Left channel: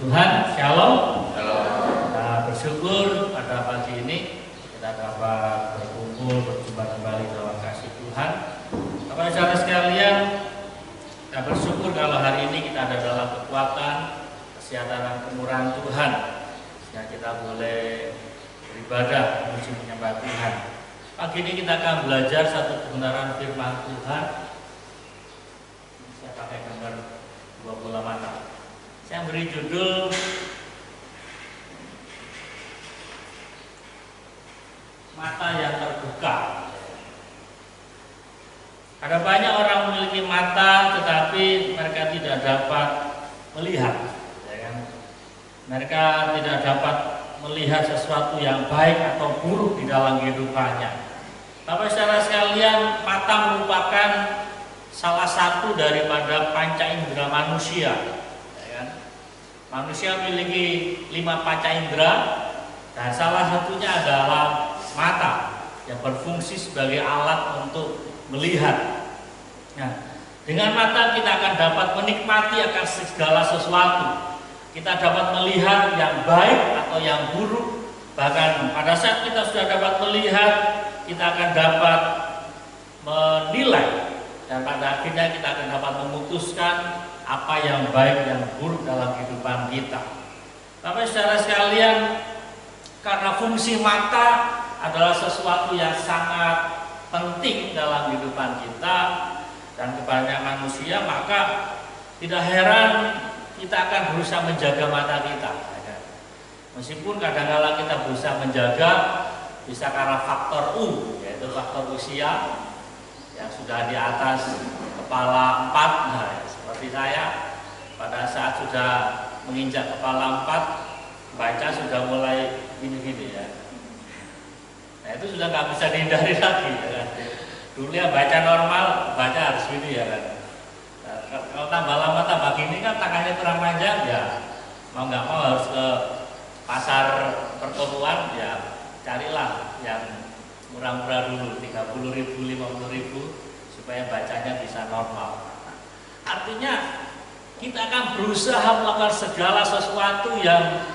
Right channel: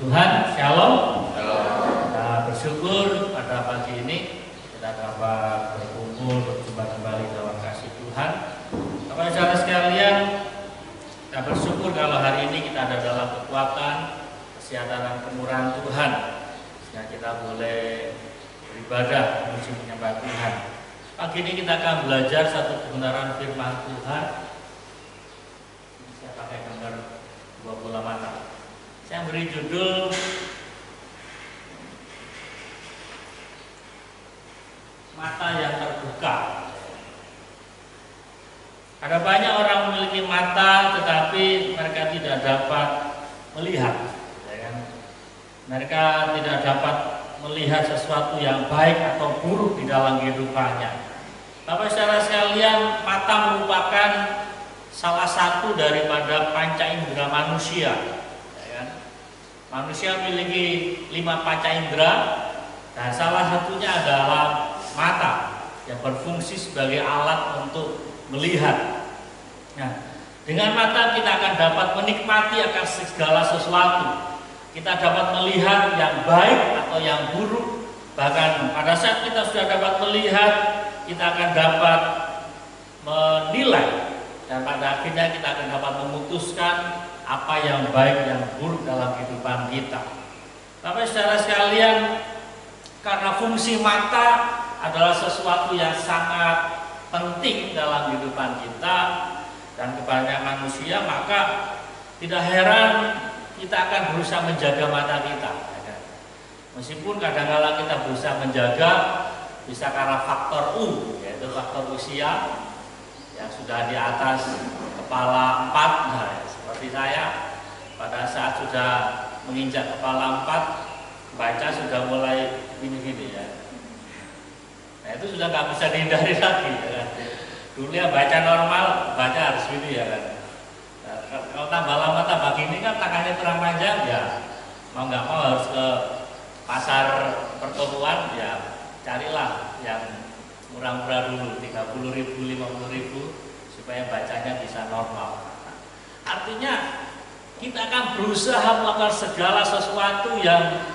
Tuhan, Shalom. Shalom. Kita bersyukur pada pagi ini kita dapat berkumpul berjumpa kembali dalam kasih Tuhan. Bapak saudara sekalian, kita bersyukur kalau hari ini kita ada dalam kekuatan, kesehatan dan kemurahan Tuhan, sehingga kita boleh beribadah menuju menyembah Tuhan. Pagi ini kita akan belajar satu kebenaran firman Tuhan. Saya pakai gambar 20 mata. Saya beri judul Mata yang Terbuka. Ada banyak orang memiliki mata tetapi mereka tidak dapat melihat, ya kan? Mereka tidak dapat melihat sesuatu yang baik atau buruk di dalam kehidupannya. Bapak saudara sekalian, mata merupakan salah satu daripada panca indera manusia. Manusia memiliki 5 panca indera dan salah satunya adalah mata yang berfungsi sebagai alat untuk melihat. Nah, dengan mata kita akan dapat menikmati akan segala sesuatu. Kita dapat melihat yang baik atau yang buruk. Bahkan pada saat kita sudah dapat melihat, kita akan dapat menilai dan pada akhirnya kita akan dapat memutuskan apa yang baik dan buruk dalam kehidupan kita. Bapak saudara sekalian, karena fungsi mata adalah sesuatu yang sangat penting dalam kehidupan kita dan kebanyakan manusia, maka tidak heran kita akan berusaha menjaga mata kita. Meskipun kadang-kadang kita berusaha menjaga, bisa karena faktor U, yaitu faktor usia yang sudah di atas kepala 4. Nah, seperti saya, pada saat sudah menginjak kepala 4, baca sudah mulai gini-gini ya. Nah, itu sudah nggak bisa dihindari lagi ya kan. Dulu ya baca normal, baca harus gini ya kan. Nah, kalau tambah lama tambah gini kan tangannya kurang panjang ya, mau nggak mau harus ke pasar pertokoan ya, carilah yang murah-murah dulu, 30.000, 50.000 supaya bacanya bisa normal. Artinya kita akan berusaha melakukan segala sesuatu yang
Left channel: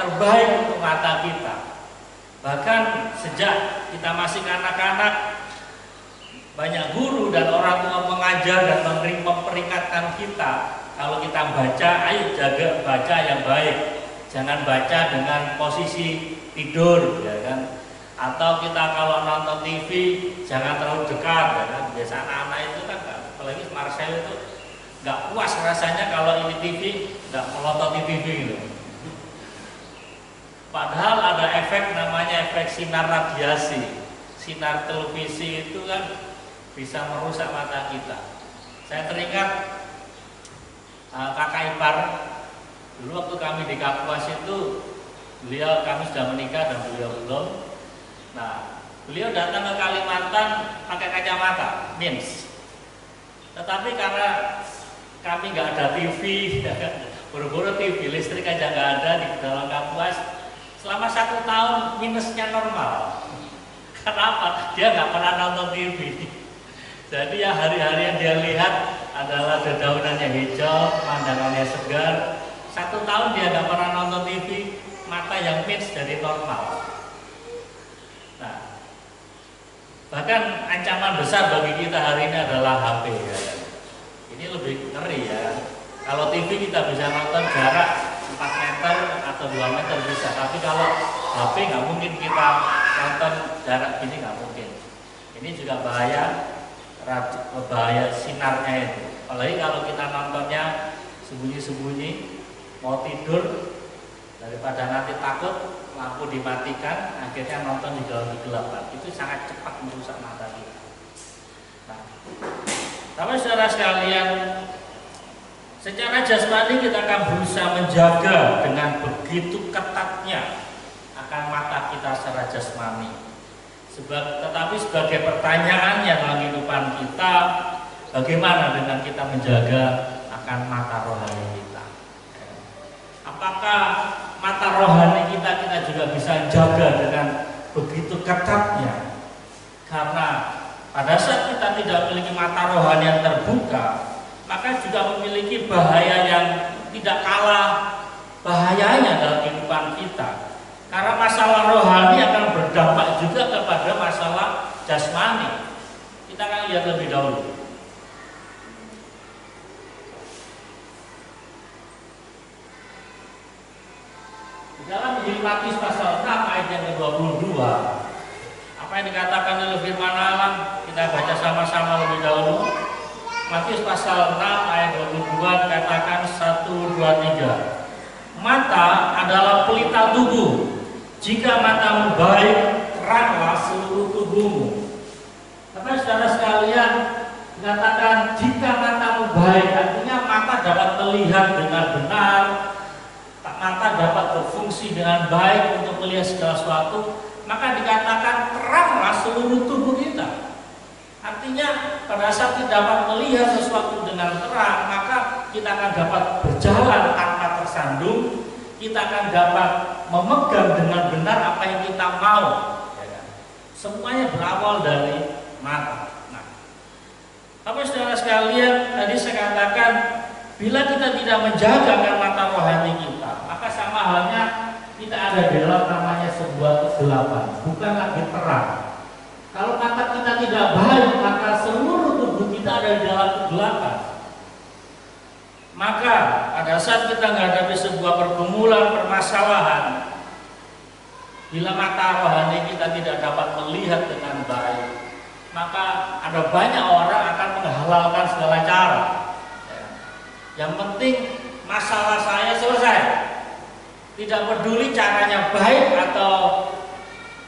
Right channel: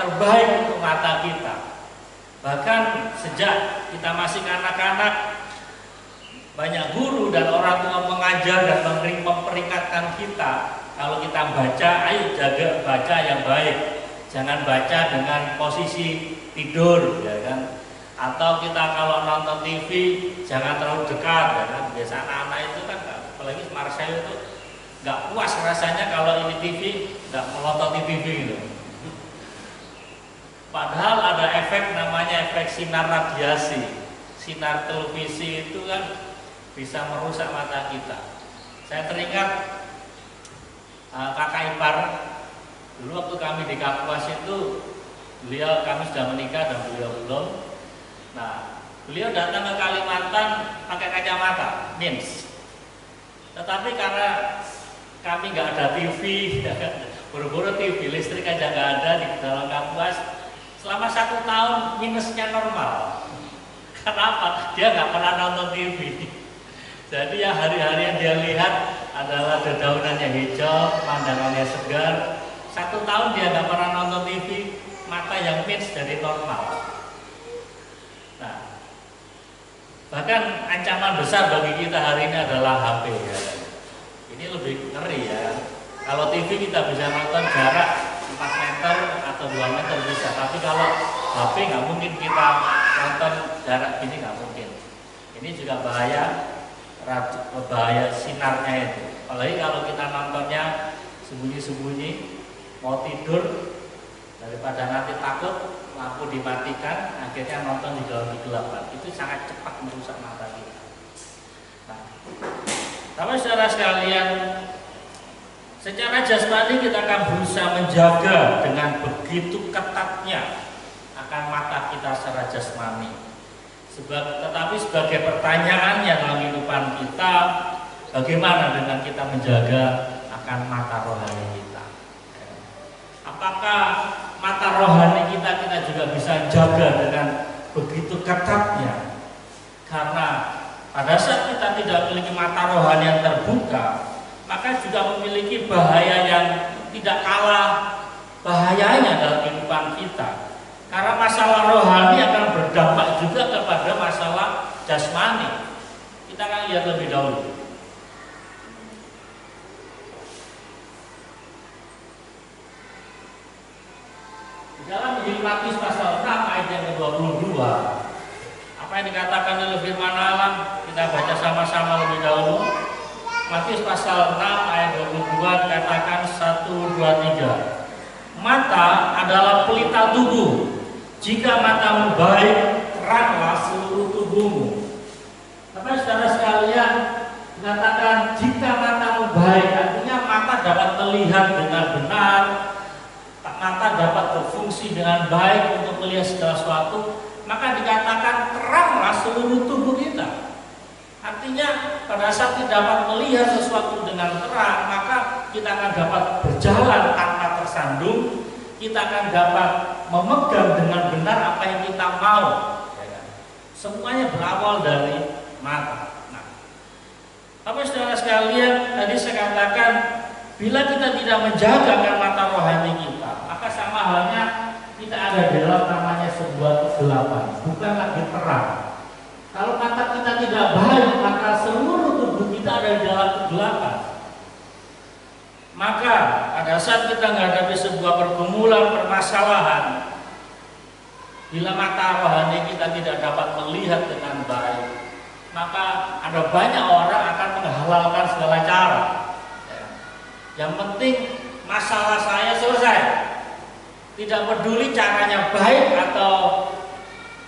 terbaik untuk mata kita. Bahkan sejak kita masih anak-anak, banyak guru dan orang tua mengajar dan memperingatkan kita, kalau kita baca, ayo jaga baca yang baik. Jangan baca dengan posisi tidur, ya kan? Atau kita kalau nonton TV jangan terlalu dekat, ya kan? Biasa anak-anak itu kan, apalagi Marcel itu nggak puas rasanya kalau ini TV nggak melototi TV gitu. Padahal ada efek namanya efek sinar radiasi. Sinar televisi itu kan bisa merusak mata kita. Saya teringat kakak ipar dulu waktu kami di Kapuas itu, kami sudah menikah dan beliau belum. Nah, beliau datang ke Kalimantan pakai kacamata mins. Tetapi karena kami nggak ada TV, buru-buru TV listrik aja nggak ada di dalam Kapuas. Selama 1 tahun minusnya normal. Kenapa? Dia nggak pernah nonton TV. Jadi ya hari-hari yang dia lihat adalah dedaunannya hijau, pemandangannya segar. 1 tahun dia nggak pernah nonton TV, mata yang minus jadi normal. Nah, bahkan ancaman besar bagi kita hari ini adalah HP ya. Ini lebih ngeri ya. Kalau TV kita bisa nonton jarak 4 meter atau 2 meter bisa, tapi kalau HP nggak mungkin kita nonton jarak gini, nggak mungkin. Ini juga bahaya sinarnya itu. Apalagi kalau kita nontonnya sembunyi-sembunyi, mau tidur, daripada nanti takut lampu dimatikan, akhirnya nonton di dalam kegelapan. Itu sangat cepat merusak mata kita. Nah, tapi saudara sekalian, secara jasmani kita akan berusaha menjaga dengan begitu ketatnya akan mata kita secara jasmani. Tetapi sebagai pertanyaannya dalam kehidupan kita, bagaimana dengan kita menjaga akan mata rohani kita? Apakah mata rohani kita juga bisa jaga dengan begitu ketatnya? Karena pada saat kita tidak memiliki mata rohani yang terbuka, maka juga memiliki bahaya yang tidak kalah kita. Karena masalah rohani akan berdampak juga kepada masalah jasmani. Kita akan lihat lebih dahulu. Di dalam Injil Matius pasal 6 ayat yang ke-22, apa yang dikatakan oleh firman Allah, kita baca sama-sama lebih dahulu. Matius pasal 6 ayat 22 dikatakan 1, 2, 3. Mata adalah pelita tubuh. Jika matamu baik, teranglah seluruh tubuhmu. Tapi saudara sekalian, dikatakan jika matamu baik, artinya mata dapat melihat dengan benar, mata dapat berfungsi dengan baik untuk melihat segala sesuatu, maka dikatakan teranglah seluruh tubuh kita. Artinya pada saat kita dapat melihat sesuatu dengan terang, maka kita akan dapat berjalan tanpa tersandung, kita akan dapat memegang dengan benar apa yang kita mau. Semuanya berawal dari mata. Nah, apa saudara sekalian, tadi saya katakan, bila kita tidak menjaga mata rohani kita, maka sama halnya kita ada dalam namanya sebuah kegelapan, bukan lagi terang. Kalau mata kita tidak baik, maka seluruh tubuh kita ada di dalam kegelapan. Maka pada saat kita menghadapi sebuah pergumulan, permasalahan, bila mata rohani kita tidak dapat melihat dengan baik, maka ada banyak orang akan menghalalkan segala cara. Yang penting masalah saya selesai. Tidak peduli caranya baik atau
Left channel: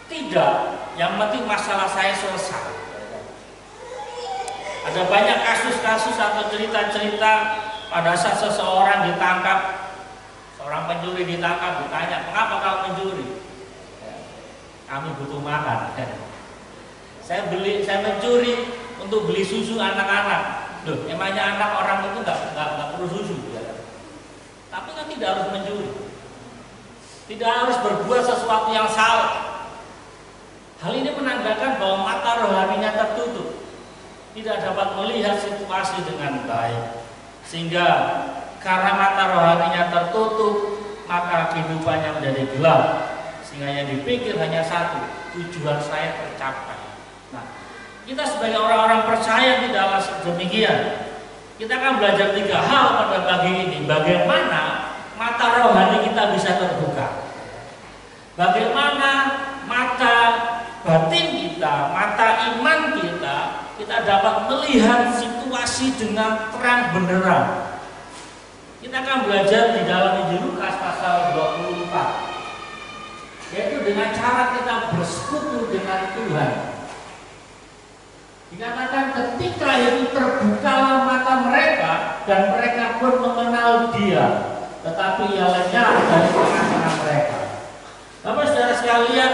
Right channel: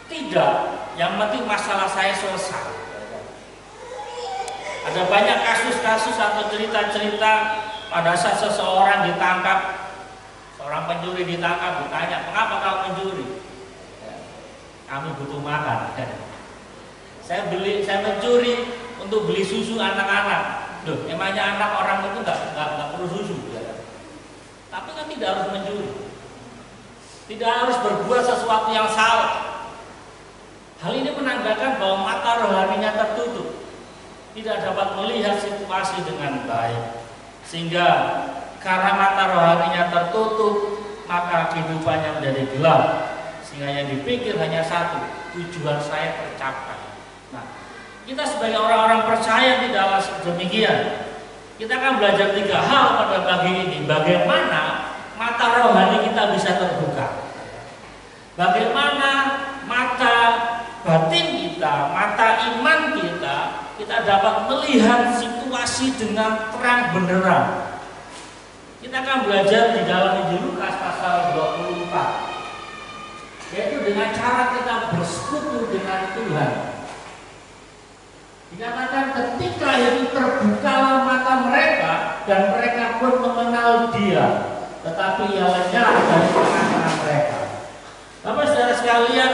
tidak, yang penting masalah saya selesai. Ada banyak kasus-kasus atau cerita-cerita pada saat seseorang ditangkap, seorang pencuri ditangkap, ditanya, "Mengapa kau mencuri?" "Kami butuh makan." Saya mencuri untuk beli susu anak-anak. Loh, emangnya anak orang itu nggak perlu susu? Tapi kan tidak harus mencuri, tidak harus berbuat sesuatu yang salah. Hal ini menandakan bahwa mata rohaninya tertutup, tidak dapat melihat situasi dengan baik. Sehingga karena mata rohaninya tertutup, maka kehidupannya menjadi gelap. Sehingga yang dipikir hanya satu, tujuan saya tercapai. Nah, kita sebagai orang-orang percaya tidaklah demikian. Kita akan belajar 3 hal pada pagi ini. Bagaimana mata rohani kita bisa terbuka, bagaimana mata batin kita, mata iman kita dapat melihat situasi dengan terang benderang. Kita akan belajar di dalam Injil Lukas pasal 24, yaitu dengan cara kita bersekutu dengan Tuhan. Dikatakan ketika itu terbukalah mata mereka dan mereka pun mengenal Dia, tetapi ia lenyap dari tengah-tengah mereka. Bapak saudara sekalian,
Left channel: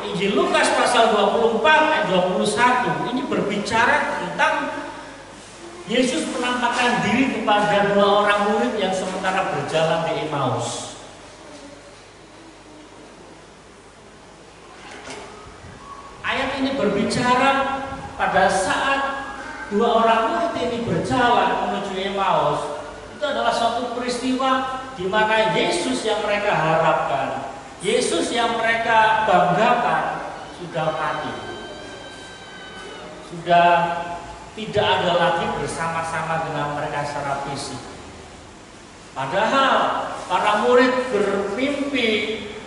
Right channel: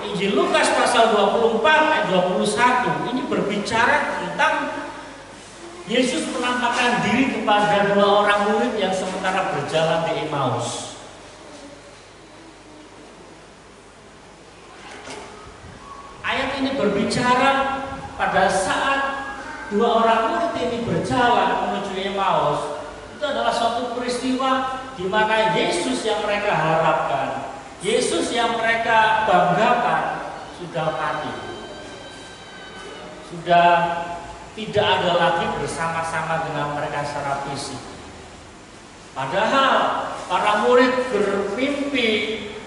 Injil Lukas pasal 24 ayat 21 ini berbicara tentang Yesus menampakkan diri kepada 2 orang murid yang sementara berjalan di Emmaus. Ayat ini berbicara pada saat 2 orang murid ini berjalan menuju Emmaus. Itu adalah suatu peristiwa di mana Yesus yang mereka harapkan, Yesus yang mereka banggakan sudah mati, sudah tidak ada lagi bersama-sama dengan mereka secara fisik. Padahal para murid bermimpi,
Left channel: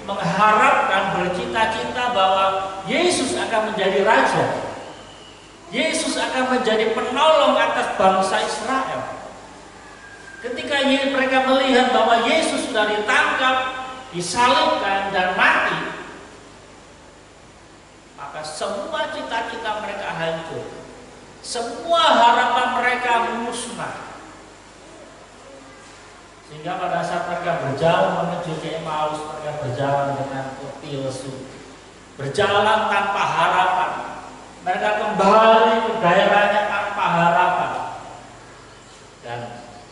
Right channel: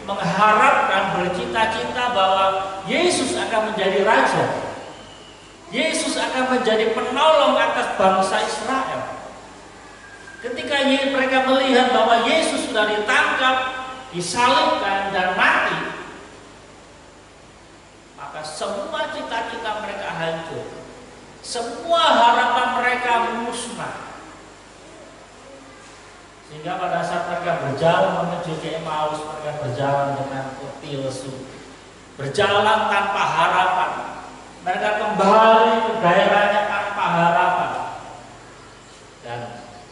mengharapkan, bercita-cita bahwa Yesus akan menjadi raja, Yesus akan menjadi penolong atas bangsa Israel. Ketika mereka melihat bahwa Yesus sudah ditangkap, disalibkan dan mati, maka semua cita-cita mereka hancur, semua harapan mereka musnah. Sehingga pada saat mereka berjalan menuju ke Emmaus, mereka berjalan dengan letih lesu, berjalan tanpa harapan. Mereka kembali ke daerahnya tanpa harapan. Dan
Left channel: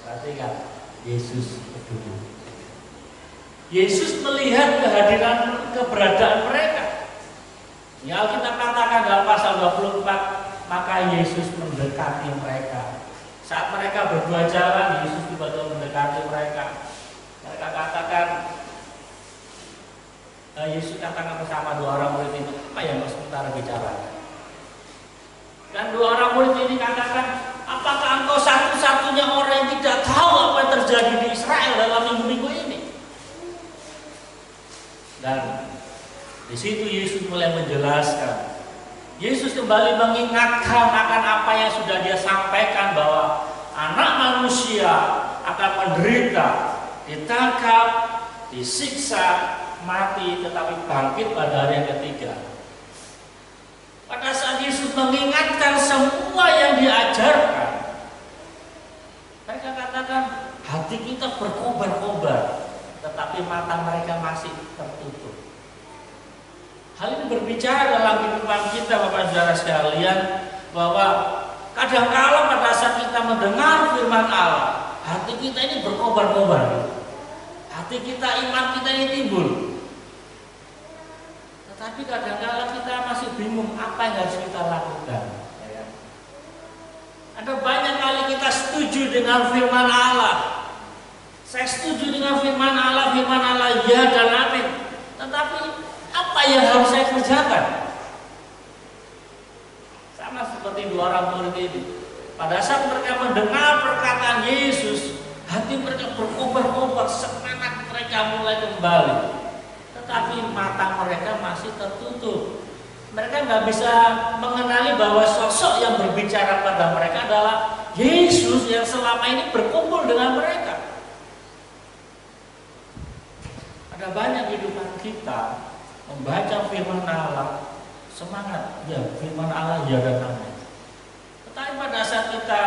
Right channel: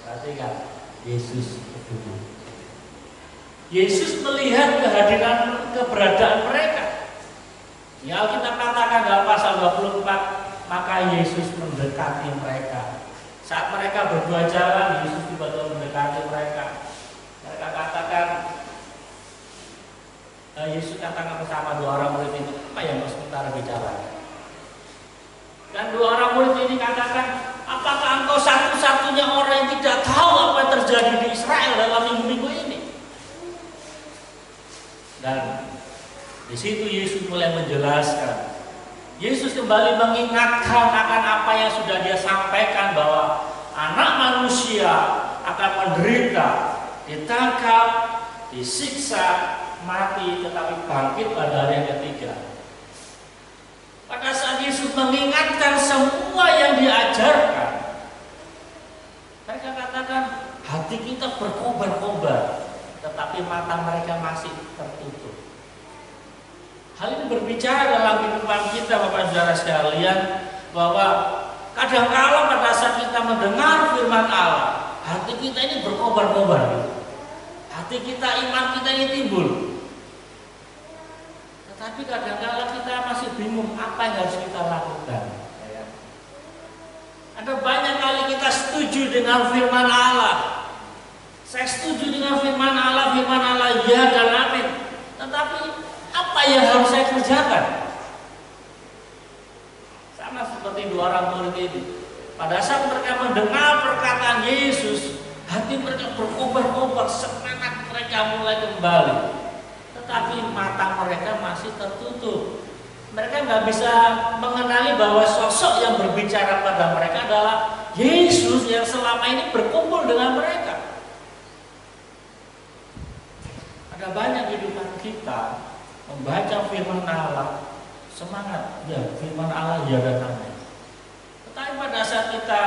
perhatikan, Yesus peduli. Yesus melihat kehadiran, keberadaan mereka. Ya, Alkitab katakan dalam pasal 24, maka Yesus mendekati mereka. Saat mereka berdua jalan, Yesus tiba-tiba mendekati mereka. Mereka katakan, katakan bersama dua orang murid itu, apa yang kau sementara bicara? Dan dua orang murid ini katakan, apakah engkau satu-satunya orang yang tidak tahu apa yang terjadi di Israel dalam minggu-minggu ini? Dan di situ Yesus mulai menjelaskan. Yesus kembali mengingatkan akan apa yang sudah dia sampaikan, bahwa Anak Manusia akan menderita, ditangkap, disiksa, mati, tetapi bangkit pada hari yang ketiga. Pada saat Yesus mengingatkan semua yang diajarkan, mereka katakan hati kita berkobar-kobar, tetapi mata mereka masih tertutup. Hal ini berbicara dalam kehidupan kita, Bapak Saudara sekalian, bahwa kadang-kala pada saat kita mendengar firman Allah, hati kita ini berkobar-kobar. Hati kita, iman kita ini timbul. Tetapi kadang-kala kita masih bingung apa yang harus kita lakukan. Ada banyak kali kita setuju dengan firman Allah. Saya setuju dengan firman Allah ya dan amin. Tetapi apa yang harus saya kerjakan? Sama seperti dua orang murid ini. Pada saat mereka mendengar perkataan Yesus, hati mereka berkobar-kobar, semangat mereka mulai kembali. Tetapi mata mereka masih tertutup. Mereka nggak bisa mengenali bahwa sosok yang berbicara pada mereka adalah Yesus yang selama ini berkumpul dengan mereka. Ada banyak kehidupan kita membaca firman Allah, semangat, ya firman Allah ya dan amin. Tetapi pada saat kita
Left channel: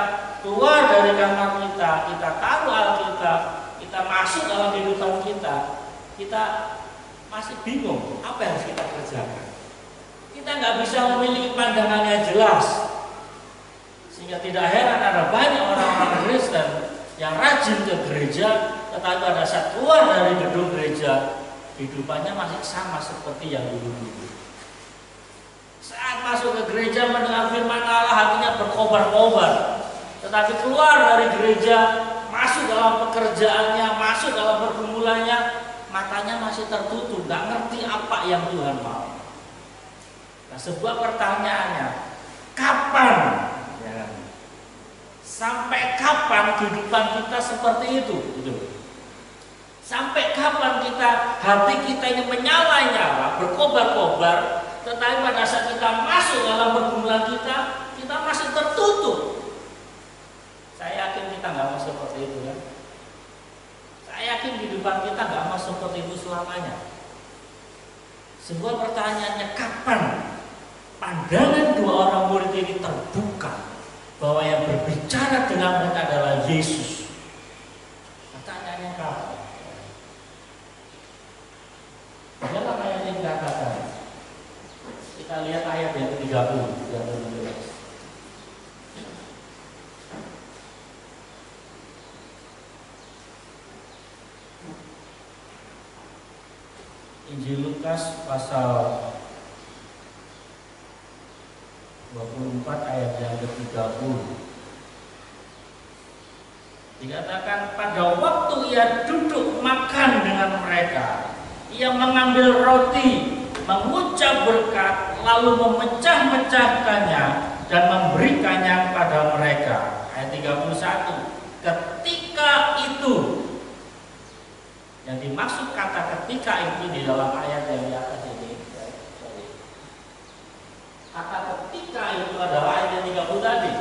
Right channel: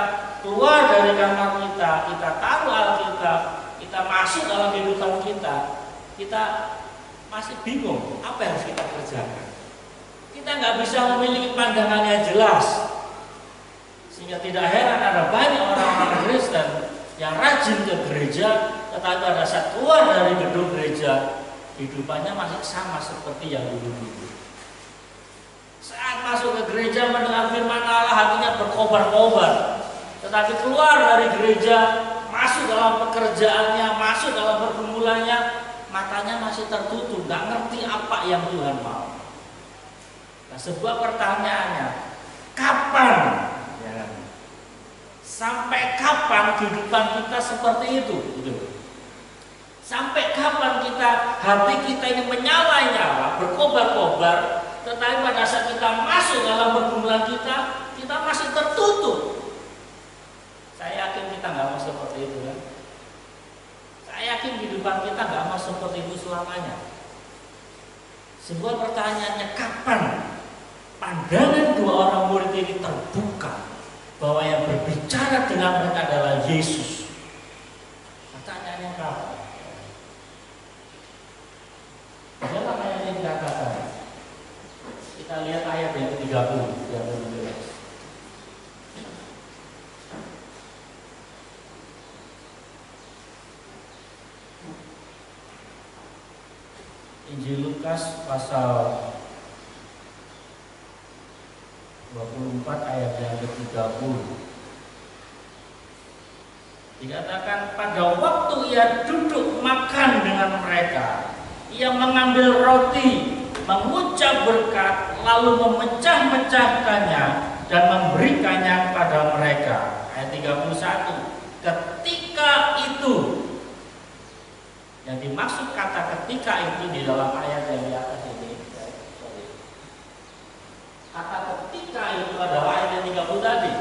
keluar dari kamar kita taruh Alkitab, kita masuk dalam kehidupan kita masih bingung apa yang harus kita kerjakan. Kita nggak bisa memiliki pandangan yang jelas, sehingga tidak heran ada banyak orang-orang Kristen yang rajin ke gereja, tetapi pada saat keluar dari gedung gereja, kehidupannya masih sama seperti yang dulu-dulu. Saat masuk ke gereja mendengar firman Allah, hatinya berkobar-kobar. Tetapi keluar dari gereja, masuk dalam pekerjaannya, masuk dalam pergumulannya, matanya masih tertutup, nggak ngerti apa yang Tuhan mau. Nah, sebuah pertanyaannya, kapan? Ya, sampai kapan kehidupan kita seperti itu? Sampai kapan hati kita ini menyala-nyala, berkobar-kobar, tetapi pada saat kita masuk dalam pergumulan kita masih tertutup. Saya yakin kita nggak mau seperti itu, kan? Saya yakin kehidupan kita nggak mau seperti itu selamanya. Sebuah pertanyaannya, kapan pandangan dua orang murid ini terbuka bahwa yang berbicara dengan mereka adalah Yesus? Pertanyaannya kapan? Dalam ayat yang dikatakan, kita lihat ayat yang ke-30, yang ke-17. Injil Lukas pasal 24 ayat yang ke-30. Dikatakan, pada waktu ia duduk makan dengan mereka, ia mengambil roti, mengucap berkat, lalu memecah-mecahkannya dan memberikannya kepada mereka. Ayat 31. Ketika itu, yang dimaksud kata ketika itu di dalam ayat yang di atas ini, kata ketika itu adalah ayat yang 30 tadi,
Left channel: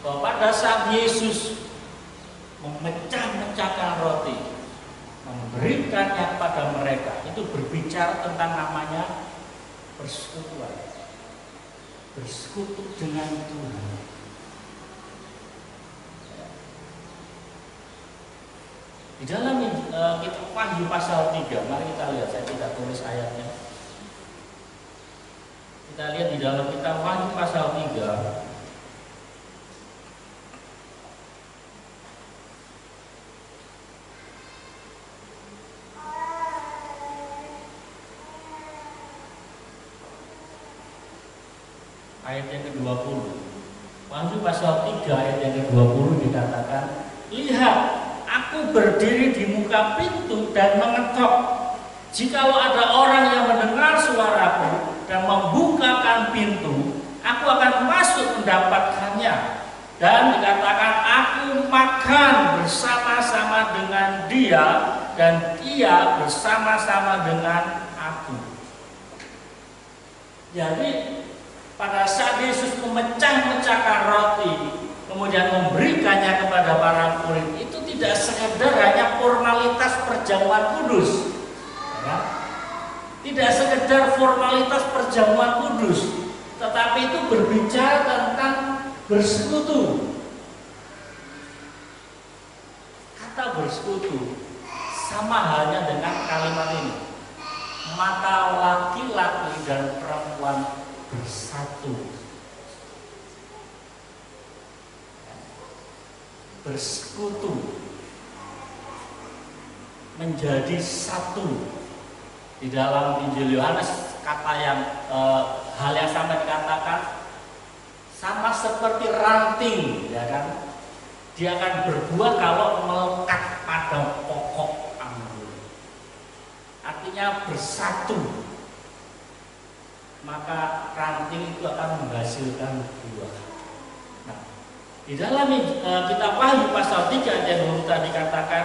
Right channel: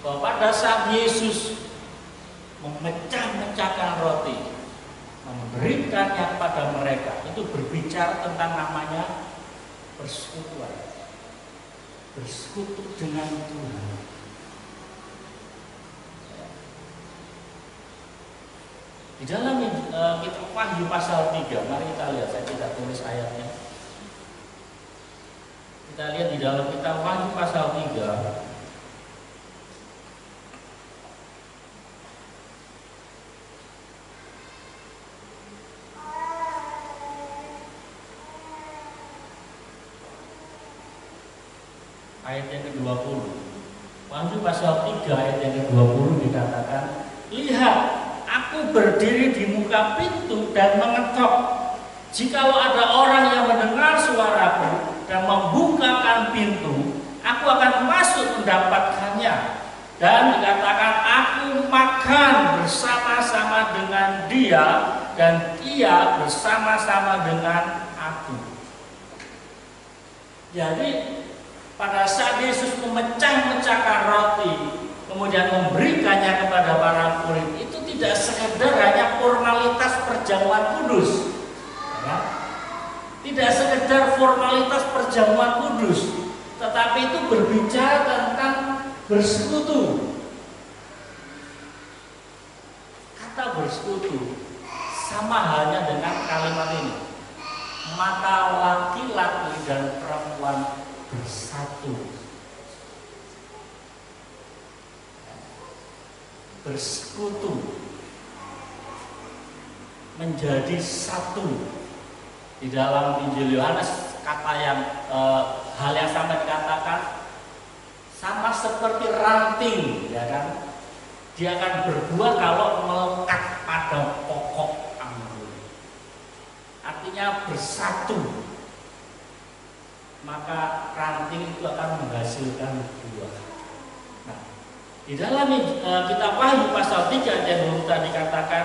bahwa pada saat Yesus memecah-mecahkan roti, memberikannya kepada mereka, itu berbicara tentang namanya persekutuan, bersekutu dengan Tuhan. Di dalam kitab Wahyu pasal 3, mari kita lihat, saya tidak tulis ayatnya. Kita lihat di dalam kitab Wahyu pasal 3. Ayat yang ke-20. Wahyu pasal 3 ayat yang ke-20 dikatakan, lihat, aku berdiri di muka pintu dan mengetok. Jikalau ada orang yang mendengar suaraku dan membukakan pintu, aku akan masuk mendapatkannya. Dan dikatakan aku makan bersama-sama dengan dia dan ia bersama-sama dengan aku. Jadi pada saat Yesus memecah-mecahkan roti, kemudian memberikannya kepada para murid, itu tidak sekedar hanya formalitas perjamuan kudus, ya. Tidak sekedar formalitas perjamuan kudus, tetapi itu berbicara tentang bersekutu. Kata bersekutu sama halnya dengan kalimat ini, maka laki-laki dan perempuan bersatu. Bersekutu, menjadi satu. Di dalam Injil Yohanes kata yang hal yang sama dikatakan, sama seperti ranting, ya kan? Dia akan berbuah kalau melekat pada pokok anggur. Artinya bersatu, maka ranting itu akan menghasilkan buah. Nah, di dalam kitab Wahyu pasal 3 ayat 20 tadi dikatakan,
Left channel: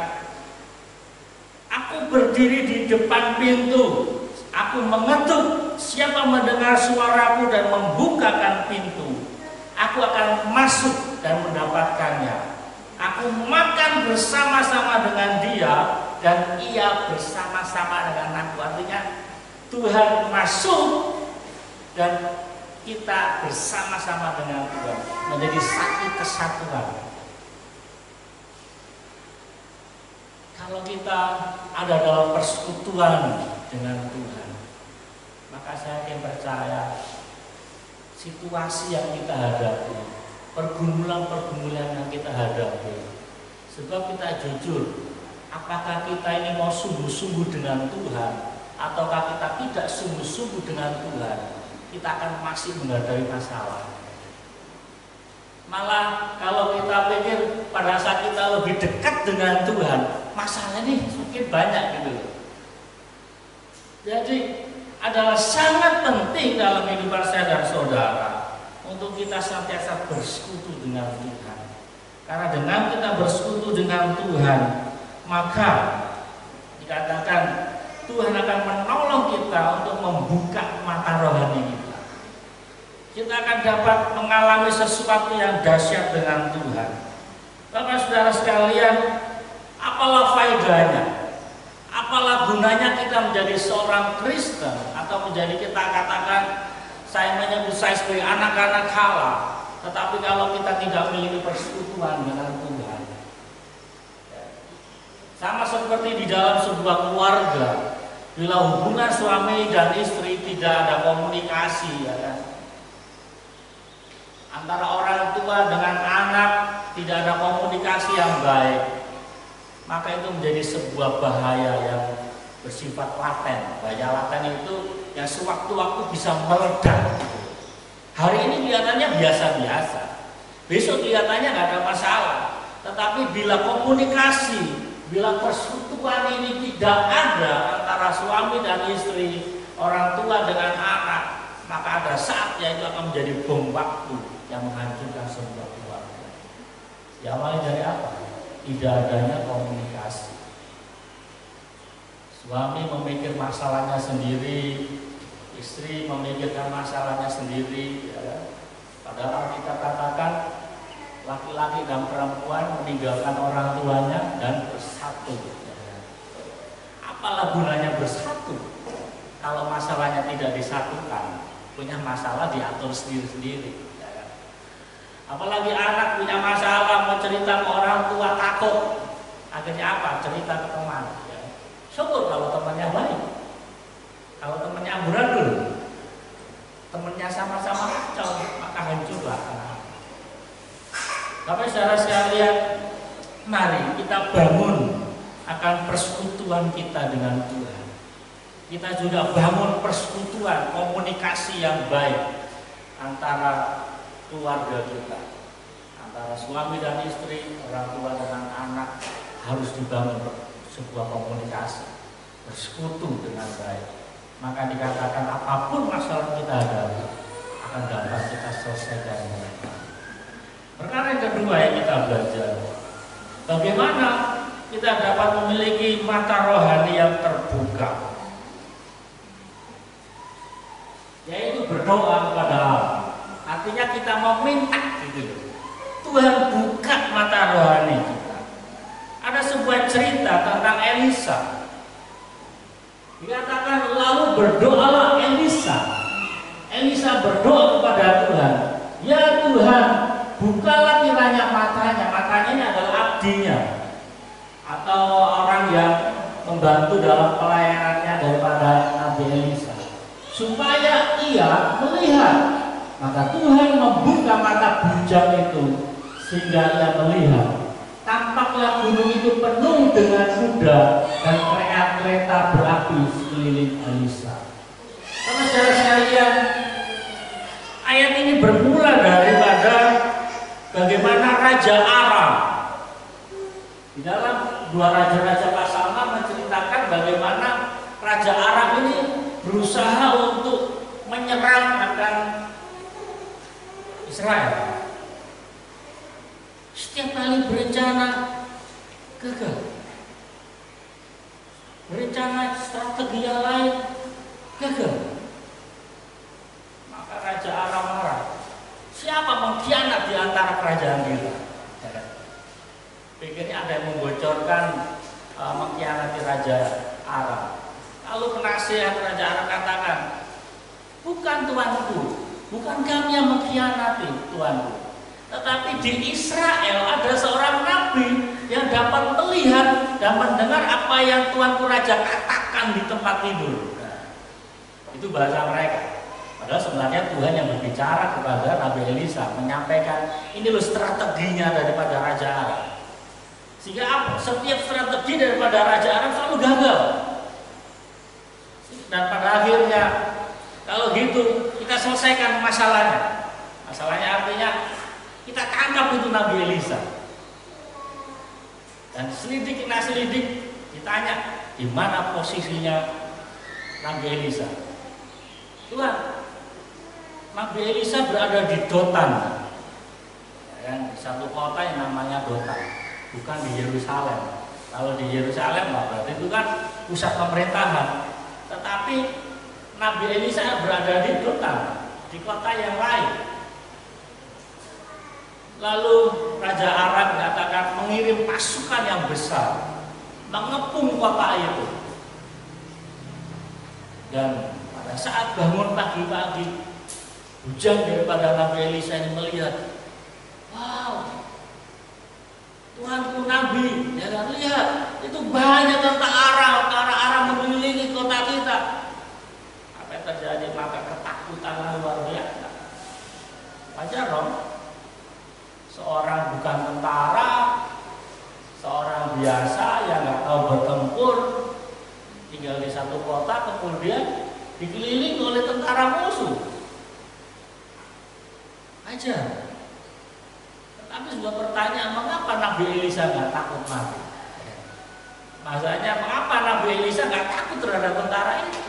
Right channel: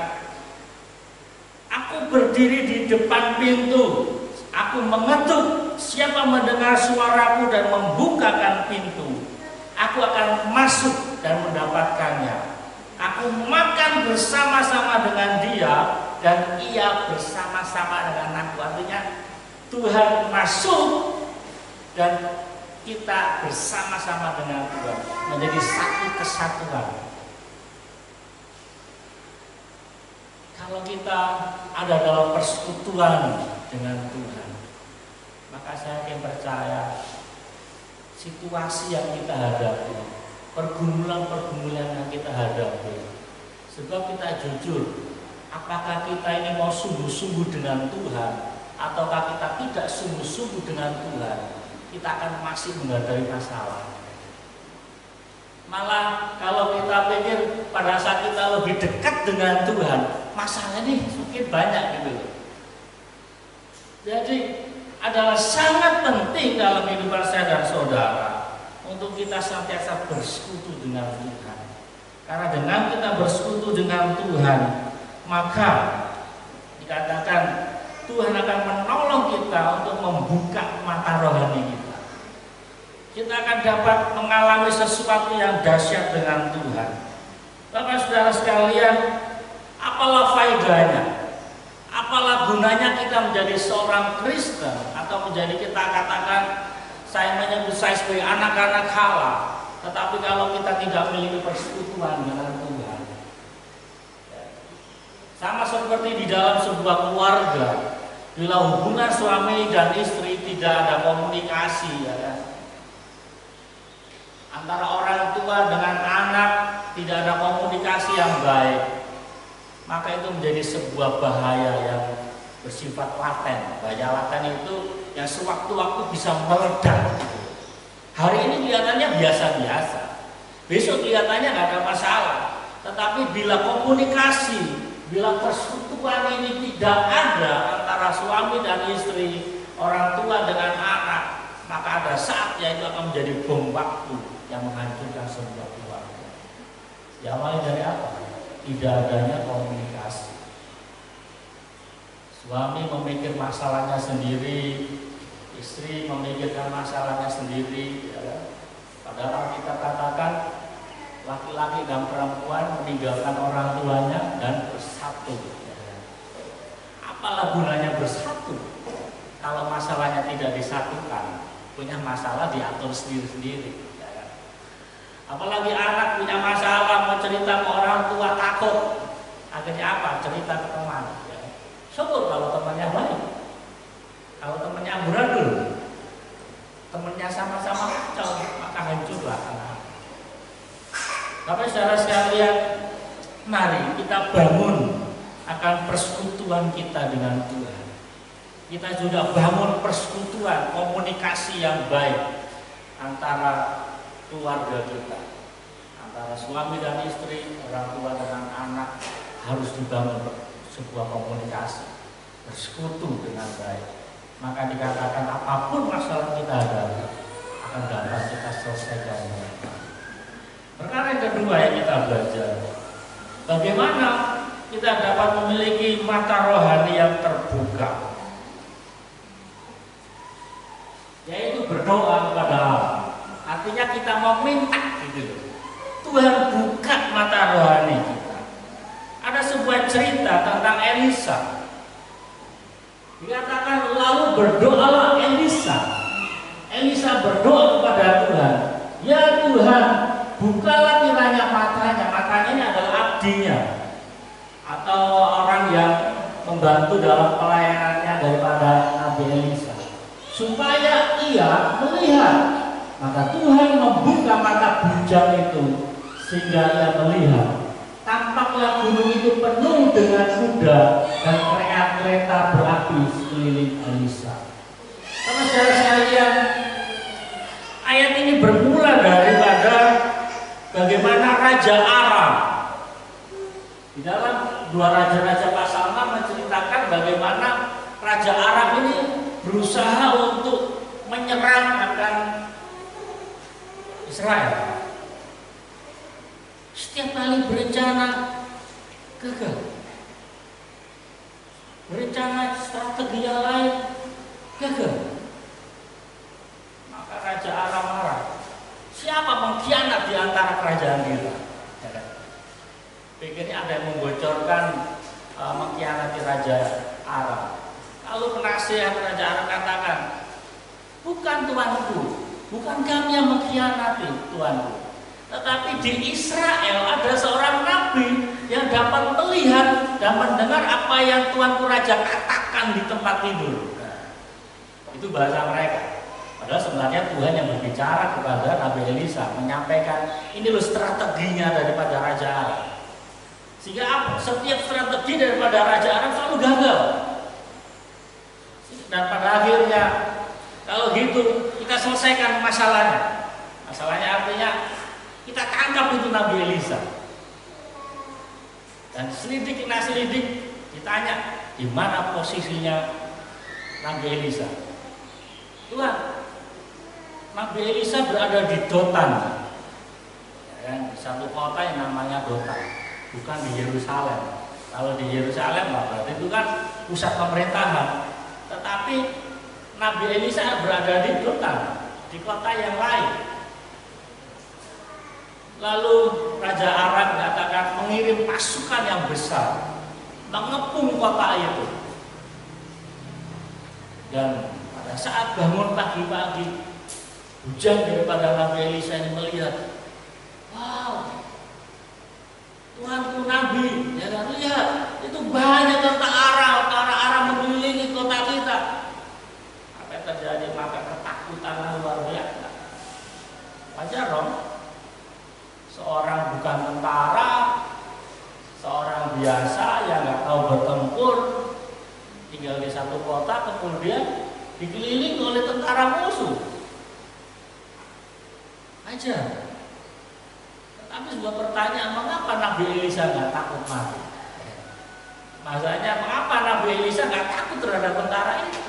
aku berdiri di depan pintu, aku mengetuk, siapa mendengar suaraku dan membukakan pintu, aku akan masuk dan mendapatkannya. Aku makan bersama-sama dengan dia dan ia bersama-sama dengan aku. Artinya Tuhan masuk dan kita bersama-sama dengan Tuhan, menjadi satu kesatuan. Kalau kita ada dalam persekutuan dengan Tuhan, maka saya yakin percaya situasi yang kita hadapi, pergumulan-pergumulan yang kita hadapi, sebab kita jujur, apakah kita ini mau sungguh-sungguh dengan Tuhan ataukah kita tidak sungguh-sungguh dengan Tuhan, kita akan masih menghadapi masalah. Malah kalau kita pikir pada saat kita lebih dekat dengan Tuhan, masalah ini semakin banyak gitu. Jadi adalah sangat penting dalam kehidupan saya dan saudara untuk kita senantiasa bersekutu dengan Tuhan. Karena dengan kita bersekutu dengan Tuhan, maka dikatakan Tuhan akan menolong kita untuk membuka mata rohani kita. Kita akan dapat mengalami sesuatu yang dahsyat dengan Tuhan. Bapak saudara sekalian, apalah faedahnya? Apalah gunanya kita menjadi seorang Kristen atau menjadi, kita katakan, saya menyebut saya sebagai anak-anak Allah, tetapi kalau kita tidak memiliki persekutuan dengan Tuhan, sama seperti di dalam sebuah keluarga, bila hubungan suami dan istri tidak ada komunikasi, ya kan? Antara orang tua dengan anak tidak ada komunikasi yang baik, maka itu menjadi sebuah bahaya yang bersifat laten. Bahaya laten itu yang sewaktu-waktu bisa meledak. Hari ini kelihatannya biasa-biasa, besok kelihatannya nggak ada masalah. Tetapi bila komunikasi, bila persekutuan ini tidak ada antara suami dan istri, orang tua dengan anak, maka ada saatnya itu akan menjadi bom waktu yang menghancurkan sebuah keluarga. Diawali dari apa? Tidak adanya komunikasi. Suami memikir masalahnya sendiri, istri memikirkan masalahnya sendiri, ya. Padahal kita katakan laki-laki dan perempuan meninggalkan orang tuanya dan bersatu, ya. Apalah gunanya bersatu kalau masalahnya tidak disatukan? Punya masalah diatur sendiri-sendiri. Apalagi anak punya masalah, mau cerita ke orang tua takut. Akhirnya apa? Cerita ke teman, ya. Syukur kalau temannya baik. Kalau temannya amburadul, temannya sama-sama kacau, maka hancurlah anak. Tapi saudara sekalian, mari kita bangun akan persekutuan kita dengan Tuhan. Kita juga bangun persekutuan, komunikasi yang baik antara keluarga kita, antara suami dan istri, orang tua dengan anak, harus dibangun sebuah komunikasi. bersekutu dengan baik, maka dikatakan apapun masalah kita hadapi akan dapat kita selesaikan dengan baik. Perkara yang kedua yang kita belajar, bagaimana kita dapat memiliki mata rohani yang terbuka, yaitu berdoa kepada Allah. Artinya kita meminta gitu, Tuhan buka mata rohani kita. Ada sebuah cerita tentang Elisa. Dikatakan lalu berdoalah Elisa. Elisa berdoa kepada Tuhan, ya Tuhan, bukalah kiranya matanya. Matanya ini adalah abdinya atau orang yang membantu dalam pelayanannya daripada Nabi Elisa, supaya ia melihat. Maka Tuhan membuka mata bujang itu sehingga ia melihat. Tampaklah gunung itu penuh dengan kuda dan kereta berapi sekeliling Elisa. Saudara sekalian, ayat ini bermula daripada bagaimana Raja Aram. Di dalam 2 Raja-Raja pasal 6 menceritakan bagaimana Raja Aram ini berusaha untuk menyerang akan Israel. Setiap kali berencana gagal, berencana strategi yang lain gagal. Maka Raja Aram marah. Siapa pengkhianat di antara kerajaan kita? Pikirnya ada yang membocorkan mengkhianati Raja Aram. Lalu penasihat Raja Aram katakan, bukan tuanku, bukan kami yang mengkhianati tuanku, tetapi di Israel ada seorang nabi yang dapat melihat dan mendengar apa yang tuanku raja katakan di tempat tidur. Nah, itu bahasa mereka. Padahal sebenarnya Tuhan yang berbicara kepada Nabi Elisa, menyampaikan ini loh strateginya daripada Raja Aram. Sehingga setiap strategi daripada Raja Aram selalu gagal. Dan pada akhirnya, kalau gitu kita selesaikan masalahnya. Masalahnya artinya kita tangkap itu Nabi Elisa. Dan selidik, ditanya di mana posisinya Nabi Elisa. Tuhan, Nabi Elisa berada di Dotan, di satu kota yang namanya Dotan, bukan di Yerusalem. Kalau di Yerusalem berarti itu kan pusat pemerintahan. Tetapi Nabi Elisa berada di Dotan, di kota yang lain. Lalu Raja Aram katakan mengirim pasukan yang besar mengepung kota itu. Dan pada saat bangun pagi-pagi, bujang daripada Nabi Elisa ini melihat, wow, Tuanku Nabi, jangan lihat, itu banyak tentara Aram mengelilingi kota kita. Apa yang terjadi? Maka ketakutan luar biasa. Wajar dong. Seorang bukan tentara, seorang biasa yang nggak tahu bertempur, tinggal di satu kota, kemudian dikelilingi oleh tentara musuh. Aja. Tetapi sebuah pertanyaan, mengapa Nabi Elisa nggak takut mati? Maksudnya, mengapa Nabi Elisa nggak takut terhadap tentara ini?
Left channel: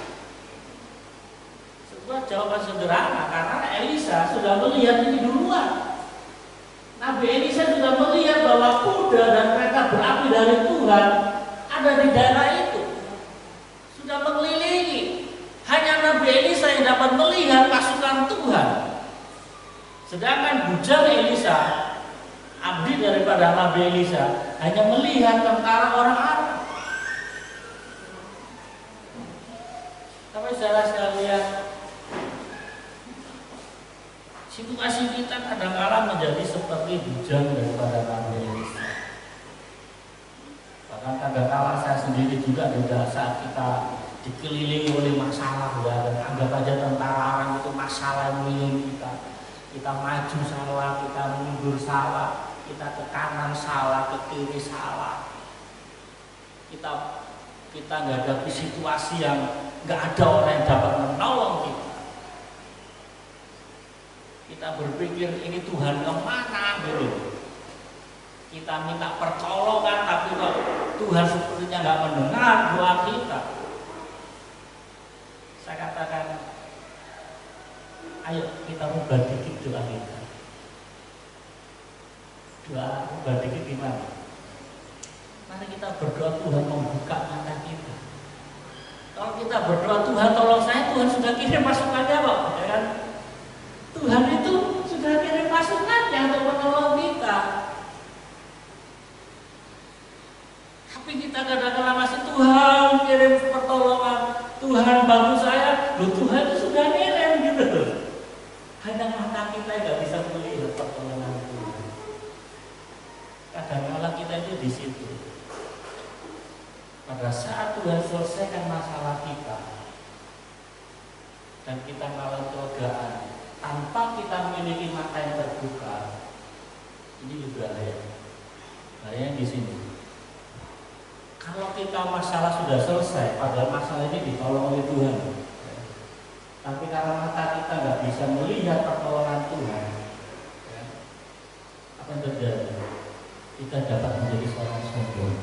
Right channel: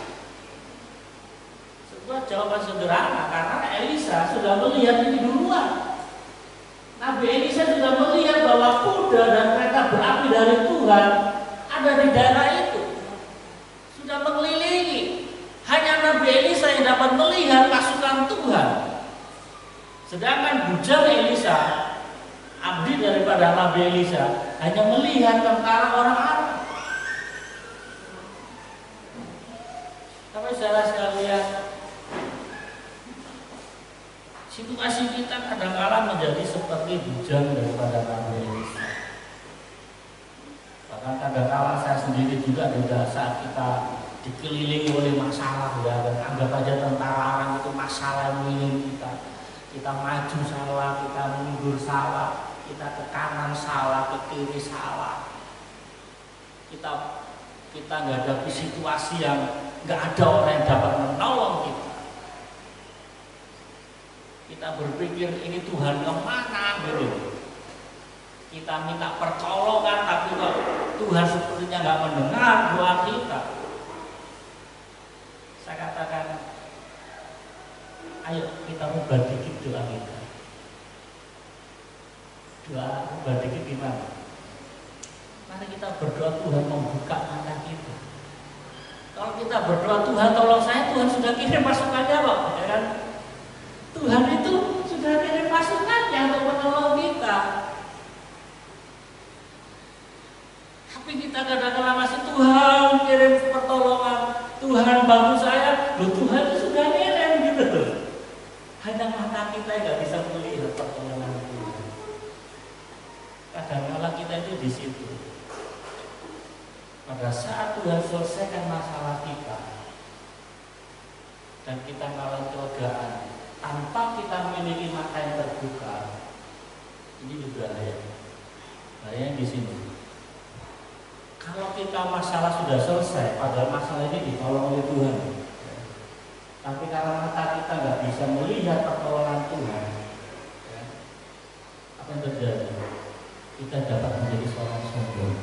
Sebuah jawaban sederhana, karena Elisa sudah melihat ini duluan. Nabi Elisa sudah melihat bahwa kuda dan kereta berapi dari Tuhan ada di daerah itu, sudah mengelilingi. Hanya Nabi Elisa yang dapat melihat pasukan Tuhan. Sedangkan bujang Elisa, abdi daripada Nabi Elisa, hanya melihat tentara orang Arab. Tapi saudara sekalian, situasi kita kadang-kala menjadi seperti bujang daripada Nabi Elisa. Bahkan kadang-kala saya sendiri juga saat kita dikelilingi oleh masalah, ya, dan anggap aja tentara Aram itu masalah yang mengelilingi kita. Kita maju salah, kita mundur salah, kita ke kanan salah, ke kiri salah. Kita menghadapi situasi yang nggak ada orang yang dapat menolong kita. Kita berpikir ini Tuhan kemana gitu. Kita minta pertolongan, tapi kok Tuhan sepertinya nggak mendengar doa kita. Ayo kita ubah dikit doa kita. Doa ubah dikit gimana? Mari kita berdoa Tuhan membuka mata kita. Kalau kita berdoa Tuhan tolong saya, Tuhan sudah kirim pasukannya kok, ya kan? Tuhan itu sudah kirim pasukannya untuk menolong kita. Tapi kita kadang-kadang masih Tuhan kirim pertolongan, Tuhan bantu saya, loh Tuhan itu sudah kirim gitu loh. Hanya mata kita nggak bisa melihat pertolongan Tuhan. Kadang-kadang kita itu di situ. Pada saat Tuhan selesaikan masalah kita dan kita mengalami kelegaan tanpa kita memiliki mata yang terbuka, ini juga bahaya di sini. Kalau kita masalah sudah selesai, padahal masalah ini ditolong oleh Tuhan, tapi karena mata kita nggak bisa melihat pertolongan Tuhan, apa yang terjadi? Kita dapat menjadi seorang sombong.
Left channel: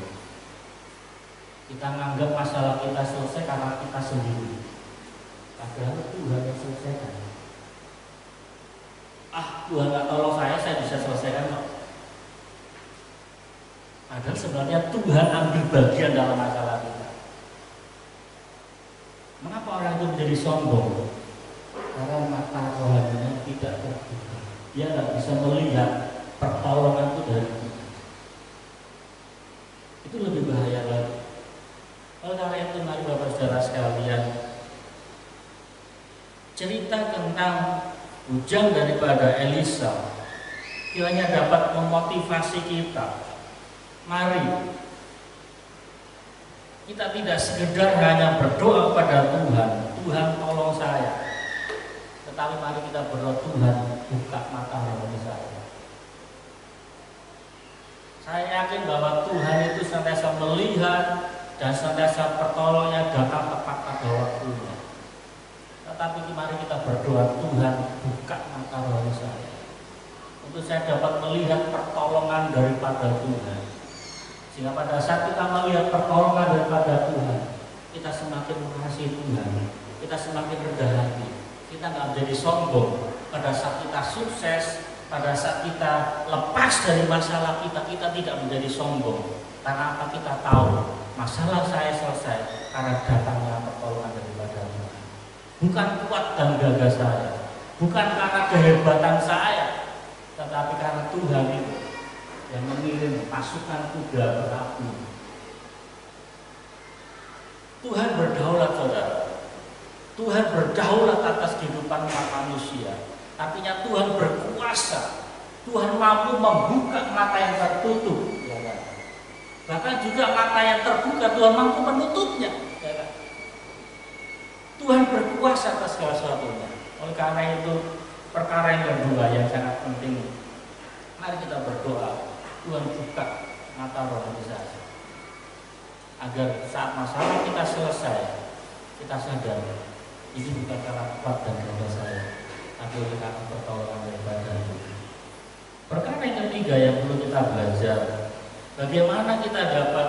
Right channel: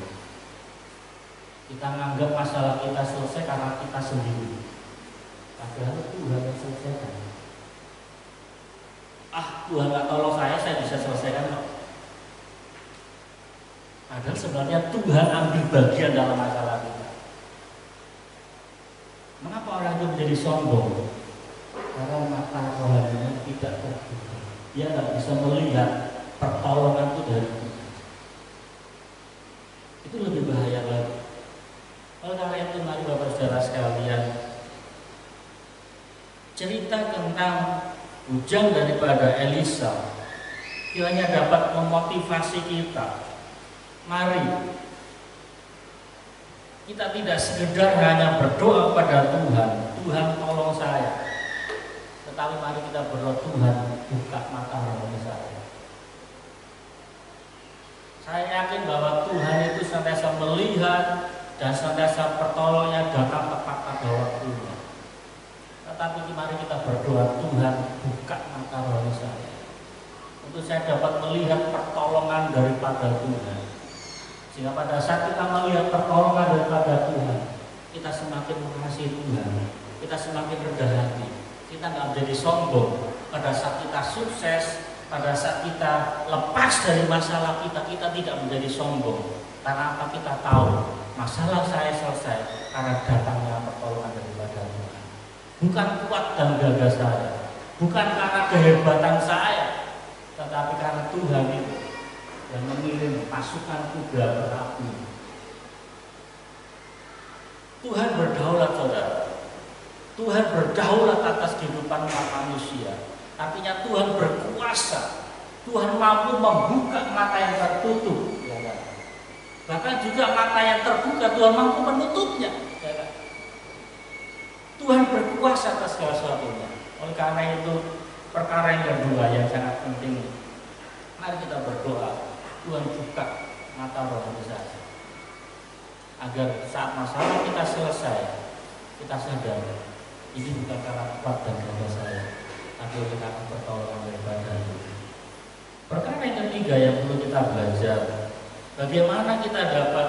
Kita menganggap masalah kita selesai karena kita sendiri, padahal Tuhan yang selesaikan. Tuhan nggak tolong saya bisa selesaikan kok. Padahal sebenarnya Tuhan ambil bagian dalam masalah kita. Mengapa orang itu menjadi sombong? Karena mata rohaninya tidak terbuka. Dia nggak bisa melihat pertolongan itu dari Tuhan. Itu lebih bahaya lagi. Oleh karena itu mari Bapak Saudara sekalian, cerita tentang bujang daripada Elisa kiranya dapat memotivasi kita. Mari kita tidak sekedar hanya berdoa kepada Tuhan, Tuhan tolong saya, tetapi mari kita berdoa, Tuhan buka mata rohani saya. Saya yakin bahwa Tuhan itu senantiasa melihat dan senantiasa pertolongannya datang tepat pada waktunya. Tetapi mari kita berdoa, Tuhan buka mata rohani saya, untuk saya dapat melihat pertolongan daripada Tuhan. Sehingga pada saat kita melihat pertolongan daripada Tuhan, kita semakin mengasihi Tuhan, kita semakin rendah hati, kita nggak menjadi sombong. Pada saat kita sukses, pada saat kita lepas dari masalah kita, kita tidak menjadi sombong. Karena apa? Kita tahu masalah saya selesai karena datangnya pertolongan daripada Tuhan. Bukan kuat dan gagah saya, bukan karena kehebatan saya, tetapi karena Tuhan itu yang mengirim pasukan kuda berapi. Tuhan berdaulat, saudara. Tuhan berdaulat atas kehidupan umat manusia. Artinya Tuhan berkuasa. Tuhan mampu membuka mata yang tertutup, ya kan? Bahkan juga mata yang terbuka Tuhan mampu menutupnya, ya kan? Tuhan berkuasa atas segala sesuatunya. Oleh karena itu, perkara yang kedua yang sangat penting, mari kita berdoa, Tuhan buka mata rohani saya, agar saat masalah kita selesai, kita sadar ini bukan karena kuat dan gagah saya, tapi oleh karena pertolongan daripada Tuhan. Perkara yang ketiga yang perlu kita belajar, bagaimana kita dapat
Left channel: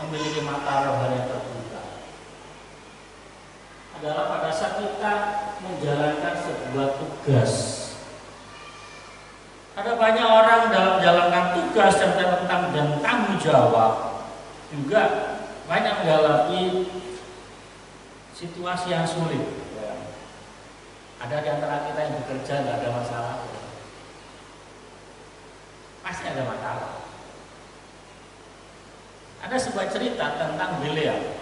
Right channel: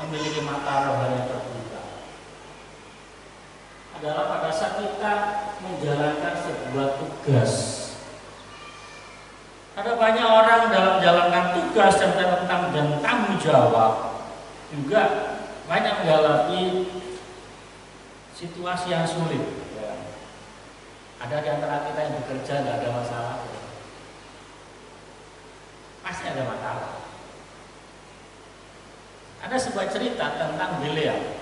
memiliki mata rohani yang terbuka, adalah pada saat kita menjalankan sebuah tugas. Ada banyak orang dalam menjalankan tugas dan tanggung jawab juga banyak mengalami situasi yang sulit. Ada di antara kita yang bekerja nggak ada masalah, pasti ada masalah. Ada sebuah cerita tentang Bileam.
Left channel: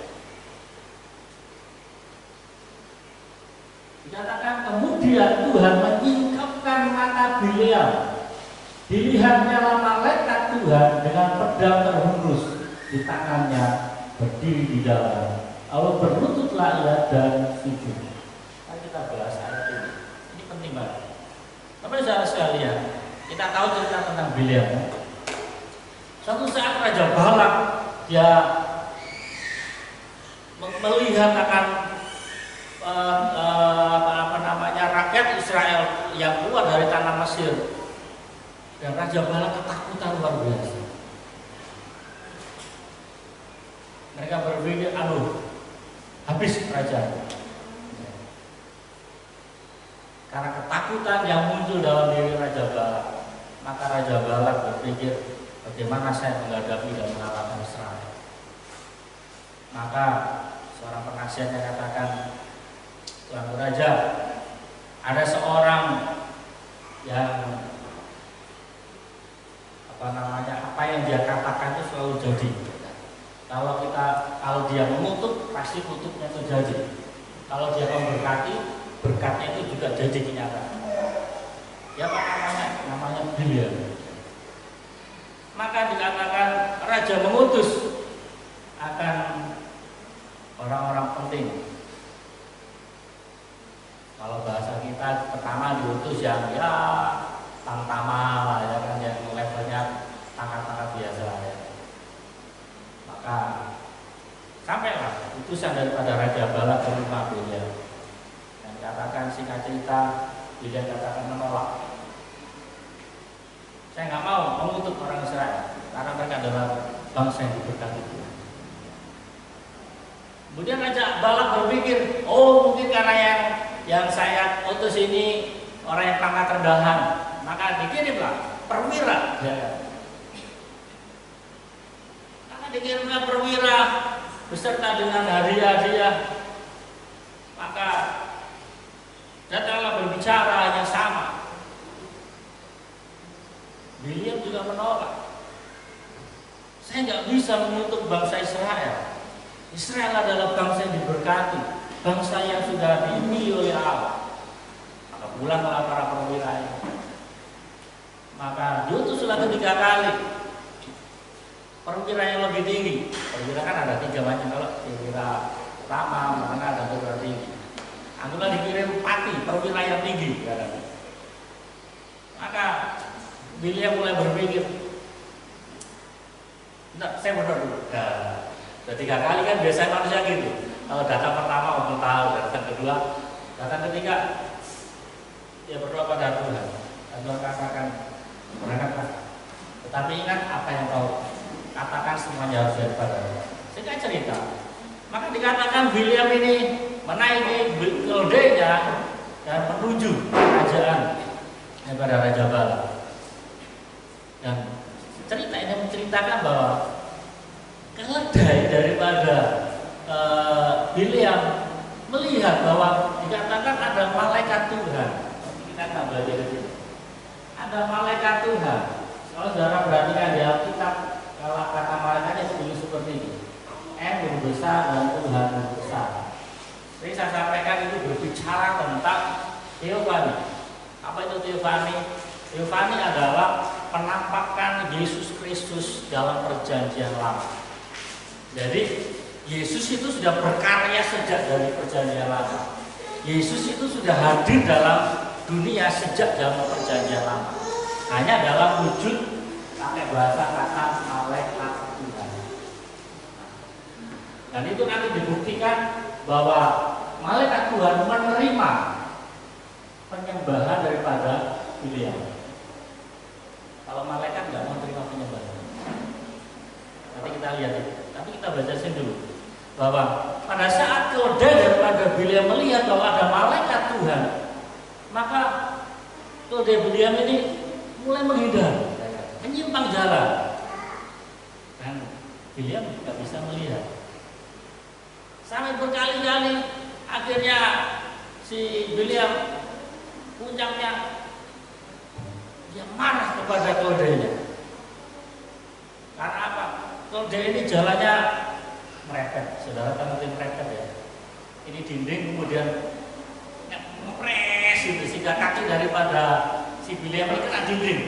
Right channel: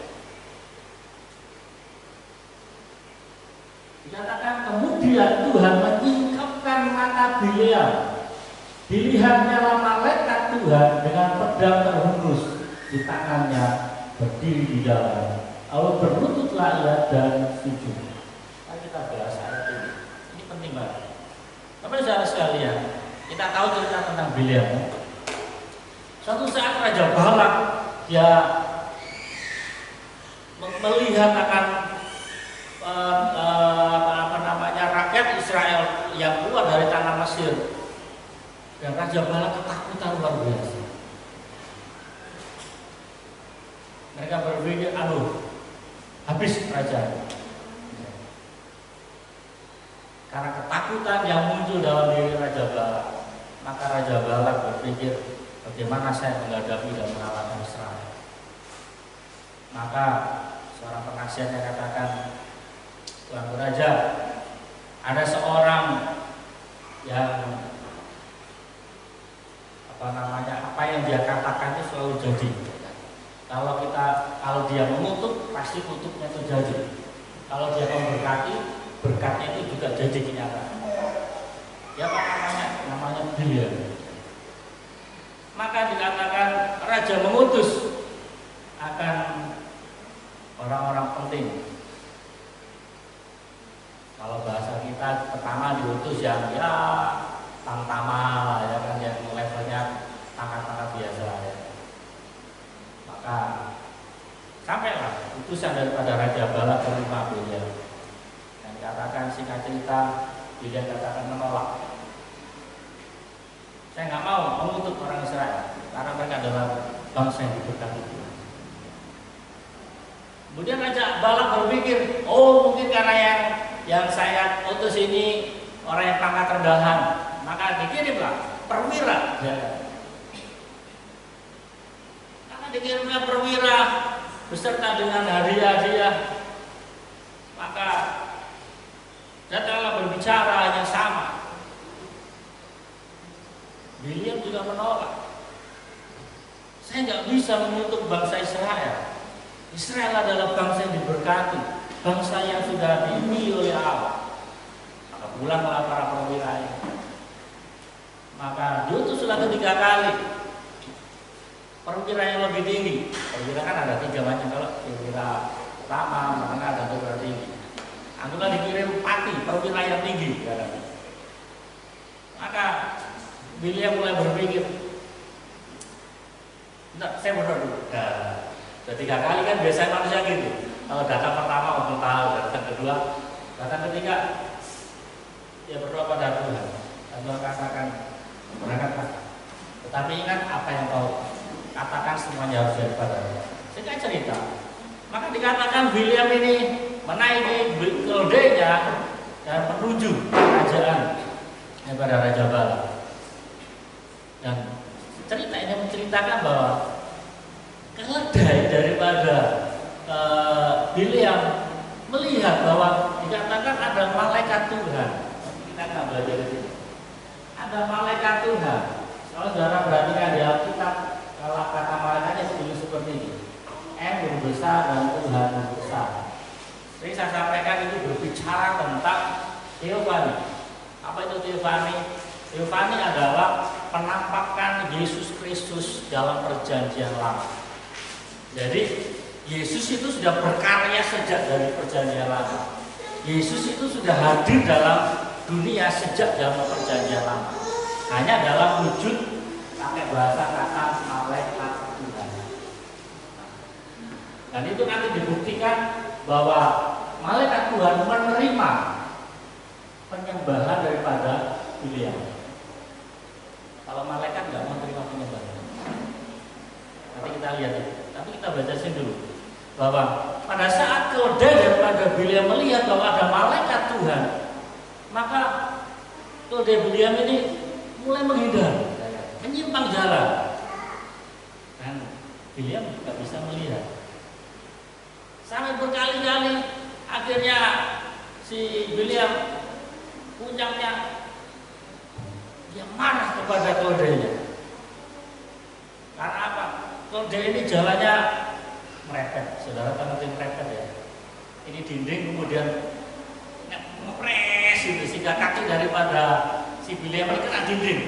Dikatakan kemudian Tuhan menyingkapkan mata Bileam. Dilihatnya malaikat Tuhan dengan pedang terhunus di tangannya berdiri di dalam. Lalu berlututlah ia dan sujud. Mari kita bahas ayat ini. Ini penting banget. Bapak saudara sekalian, kita tahu cerita tentang Bileam. Suatu saat Raja Balak dia melihat akan rakyat Israel yang keluar dari tanah Mesir. Dan Raja Balak ketakutan luar biasa. Mereka berpikir, habis kerajaan. Karena ketakutan ketakutan yang muncul dalam diri Raja Balak. Maka Raja Balak berpikir, bagaimana saya menghadapi dan mengalahkan Israel. Maka seorang penasihatnya katakan, Tuan Raja, ada seorang yang apa yang dia katakan itu selalu jadi. Kalau dia mengutuk, pasti kutuknya itu jadi. Kalau dia memberkati, berkatnya itu juga jadi kenyataan. Ya apa namanya? Namanya Biliam. Maka dikatakan raja mengutus akan orang-orang penting. Kalau bahasa kita pertama diutus yang ya tamtama ya kan, yang levelnya pangkat-pangkat biasa ya. Maka sampailah utusan daripada Raja Balak ke rumah Biliam. Dan katakan singkat cerita, Biliam katakan menolak. Saya nggak mau mengutuk orang Israel karena mereka adalah bangsa yang diberkati Tuhan. Kemudian Raja Balak berpikir, oh mungkin karena yang saya utus ini orang yang pangkat rendahan, maka dikirimlah perwira. Ya. Karena dikirimlah perwira beserta dengan hadiah-hadiah, maka datanglah berbicara yang sama. Biliam juga menolak. Saya nggak bisa mengutuk bangsa Israel. Israel adalah bangsa yang diberkati, bangsa yang sudah dipilih oleh Allah. Maka pulanglah para perwira ini. Maka diutuslah 3 kali perwira yang lebih tinggi. Perwira kan ada 3 macam, kalau perwira utama, menengah, dan perwira tinggi. Anggaplah dikirim pati, perwira yang tinggi. Maka Biliam mulai berpikir, saya berdoa dulu. Sudah 3 kali kan biasanya manusia gitu. Kalau datang pertama mau tahu, datang kedua, datang ketiga, ya berdoa pada Tuhan. Dan Tuhan katakan, berangkatlah. Tetapi ingat apa yang kau katakan semuanya harus daripada. Singkat cerita, maka dikatakan Biliam ini menaiki keledainya dan menuju kerajaan daripada Raja Balak. Dan cerita ini menceritakan bahwa keledai daripada Biliam melihat bahwa dikatakan ada malaikat Tuhan. Kita akan belajar di sini. Ada malaikat Tuhan. Kalau saudara perhatikan di Alkitab, kalau kata malaikatnya seperti ini. M besar dan Tuhan besar. Jadi saya sampaikan itu berbicara tentang teofani. Apa itu teofani? Teofani adalah penampakan Yesus Kristus dalam perjanjian lama. Jadi Yesus itu sudah berkarya sejak dari perjanjian lama. Yesus itu sudah hadir dalam dunia sejak zaman perjanjian lama. Hanya dalam wujud pakai bahasa kata malaikat Tuhan. Dan itu nanti dibuktikan bahwa malaikat Tuhan menerima penyembahan daripada Biliam. Kalau malaikat nggak mau terima penyembahan. Nanti kita lihat itu. Tapi kita baca sini dulu bahwa pada saat keledai daripada Biliam melihat bahwa ada malaikat Tuhan, maka keledai Biliam ini mulai menghindar, menyimpang jalan, dan Biliam nggak bisa melihat. Sampai berkali-kali akhirnya si Biliam puncaknya dia marah kepada keledainya. Karena apa? Keledai ini jalannya merepet. Saudara tahu ngerti merepet ya? Ini dinding kemudian ngepres gitu, sehingga kaki daripada si Biliam ini kena dinding.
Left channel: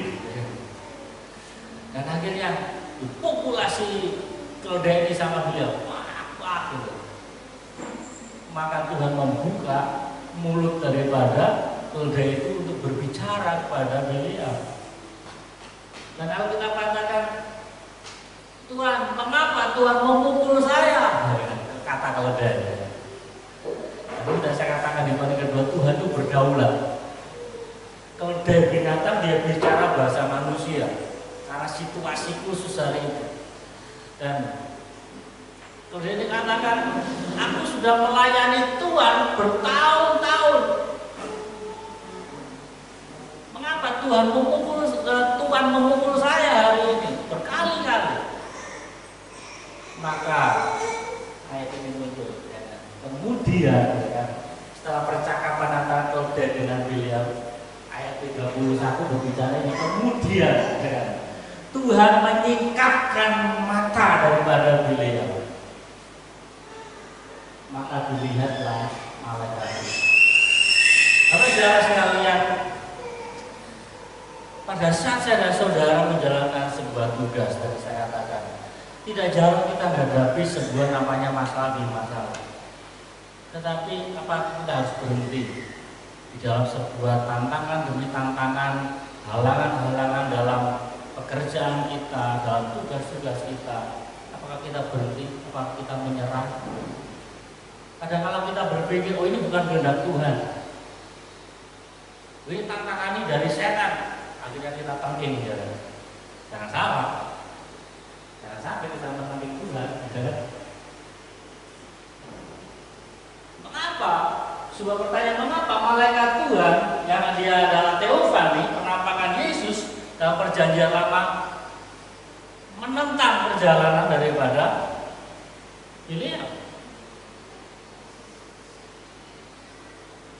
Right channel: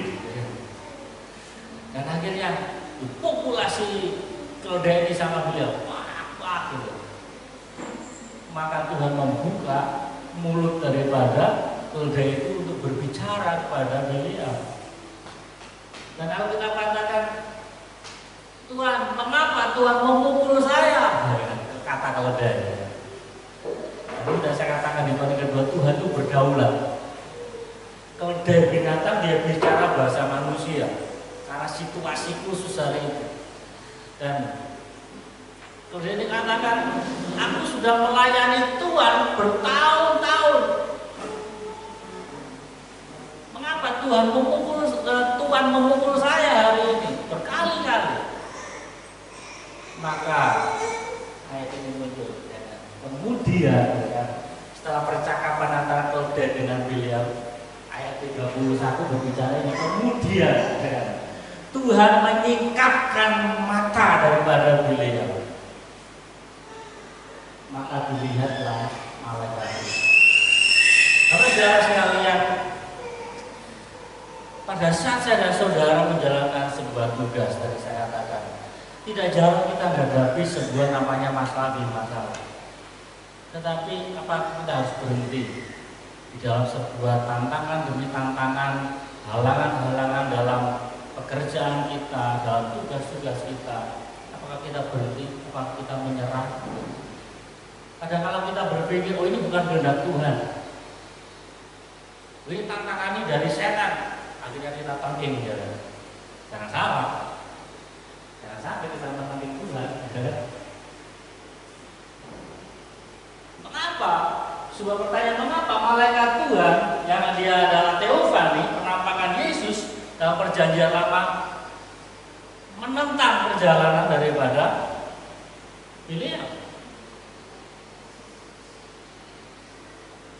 Dan akhirnya populasi keledai ini sama Biliam, wah gitu. Maka Tuhan membuka mulut daripada keledai itu untuk berbicara kepada Biliam. Dan kalau kita katakan, Tuhan, mengapa Tuhan memukul saya? Kata keledai. Jadi sudah saya katakan di poin kedua, Tuhan itu berdaulat. Keledai binatang dia bicara bahasa manusia karena situasi khusus hari itu. Dan keledai ini katakan, aku sudah melayani Tuhan bertahun-tahun. Kenapa Tuhan memukul saya hari ini berkali-kali? Maka ayat ini muncul. Ya. Kemudian ya, setelah percakapan antara Kolda dengan Biliam, ayat 31 berbicara ini. Kemudian ya, Tuhan menyingkapkan mata daripada Biliam. Maka dilihatlah malaikat itu. Saudara sekalian, pada saat saya dan saudara menjalankan sebuah tugas, tadi saya katakan, tidak jarang kita menghadapi sebuah namanya masalah di masalah. Tetapi apa kita harus berhenti di dalam sebuah tantangan demi tantangan, halangan-halangan dalam pekerjaan kita, dalam tugas-tugas kita? Apakah kita berhenti? Apakah kita menyerah? Kadang-kadang kita berpikir, oh ini bukan kehendak Tuhan, ini tantangan ini dari setan. Akhirnya kita tangking, ya. Jangan salah. Jangan sampai kita menentang Tuhan. Mengapa? Sebuah pertanyaan, mengapa malaikat Tuhan yang dia adalah teofani, penampakan Yesus dalam perjanjian lama, menentang perjalanan daripada Biliam?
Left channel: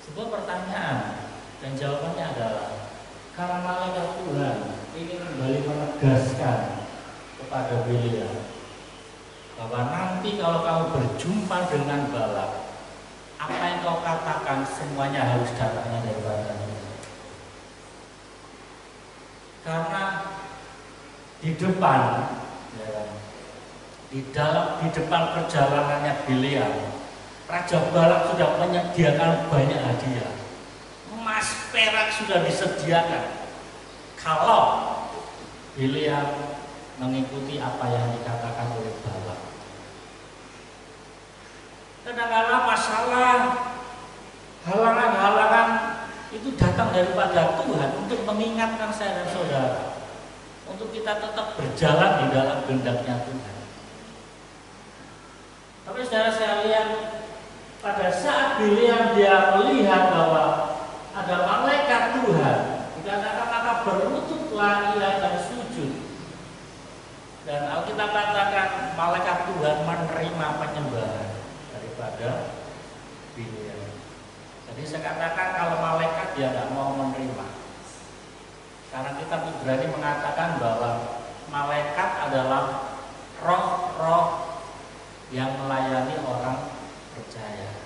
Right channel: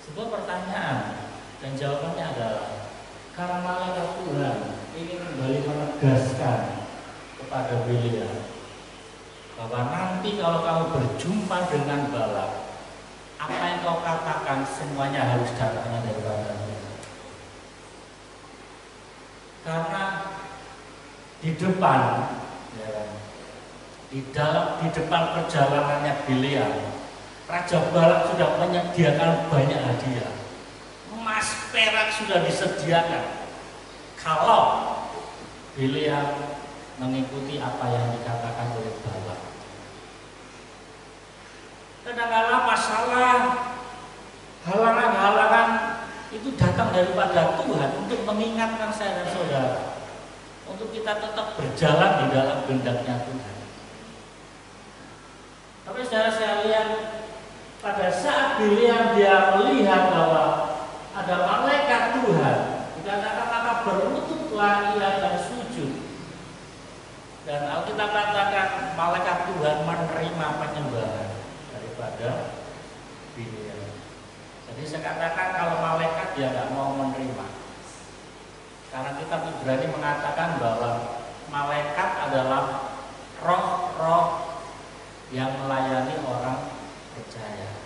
Sebuah pertanyaan, dan jawabannya adalah karena malaikat Tuhan ingin kembali menegaskan kepada Biliam bahwa nanti kalau kamu berjumpa dengan Balak, apa yang kau katakan semuanya harus datangnya daripada Tuhan. Karena di depan, ya, di depan perjalanannya Biliam, Raja Balak sudah menyediakan banyak hadiah. Emas perak sudah disediakan kalau Biliam mengikuti apa yang dikatakan oleh Balak. Kadang-kadang masalah, halangan-halangan itu datang daripada Tuhan untuk mengingatkan saya dan saudara untuk kita tetap berjalan di dalam kehendak-Nya Tuhan. Tapi saudara sekalian, pada saat Biliam dia melihat bahwa ada malaikat Tuhan, dikatakan maka berlututlah ia dan sujud. Dan Alkitab katakan malaikat Tuhan menerima penyembahan daripada Biliam. Jadi saya katakan kalau malaikat dia nggak mau menerima, karena kitab Ibrani mengatakan bahwa malaikat adalah roh-roh yang melayani orang percaya.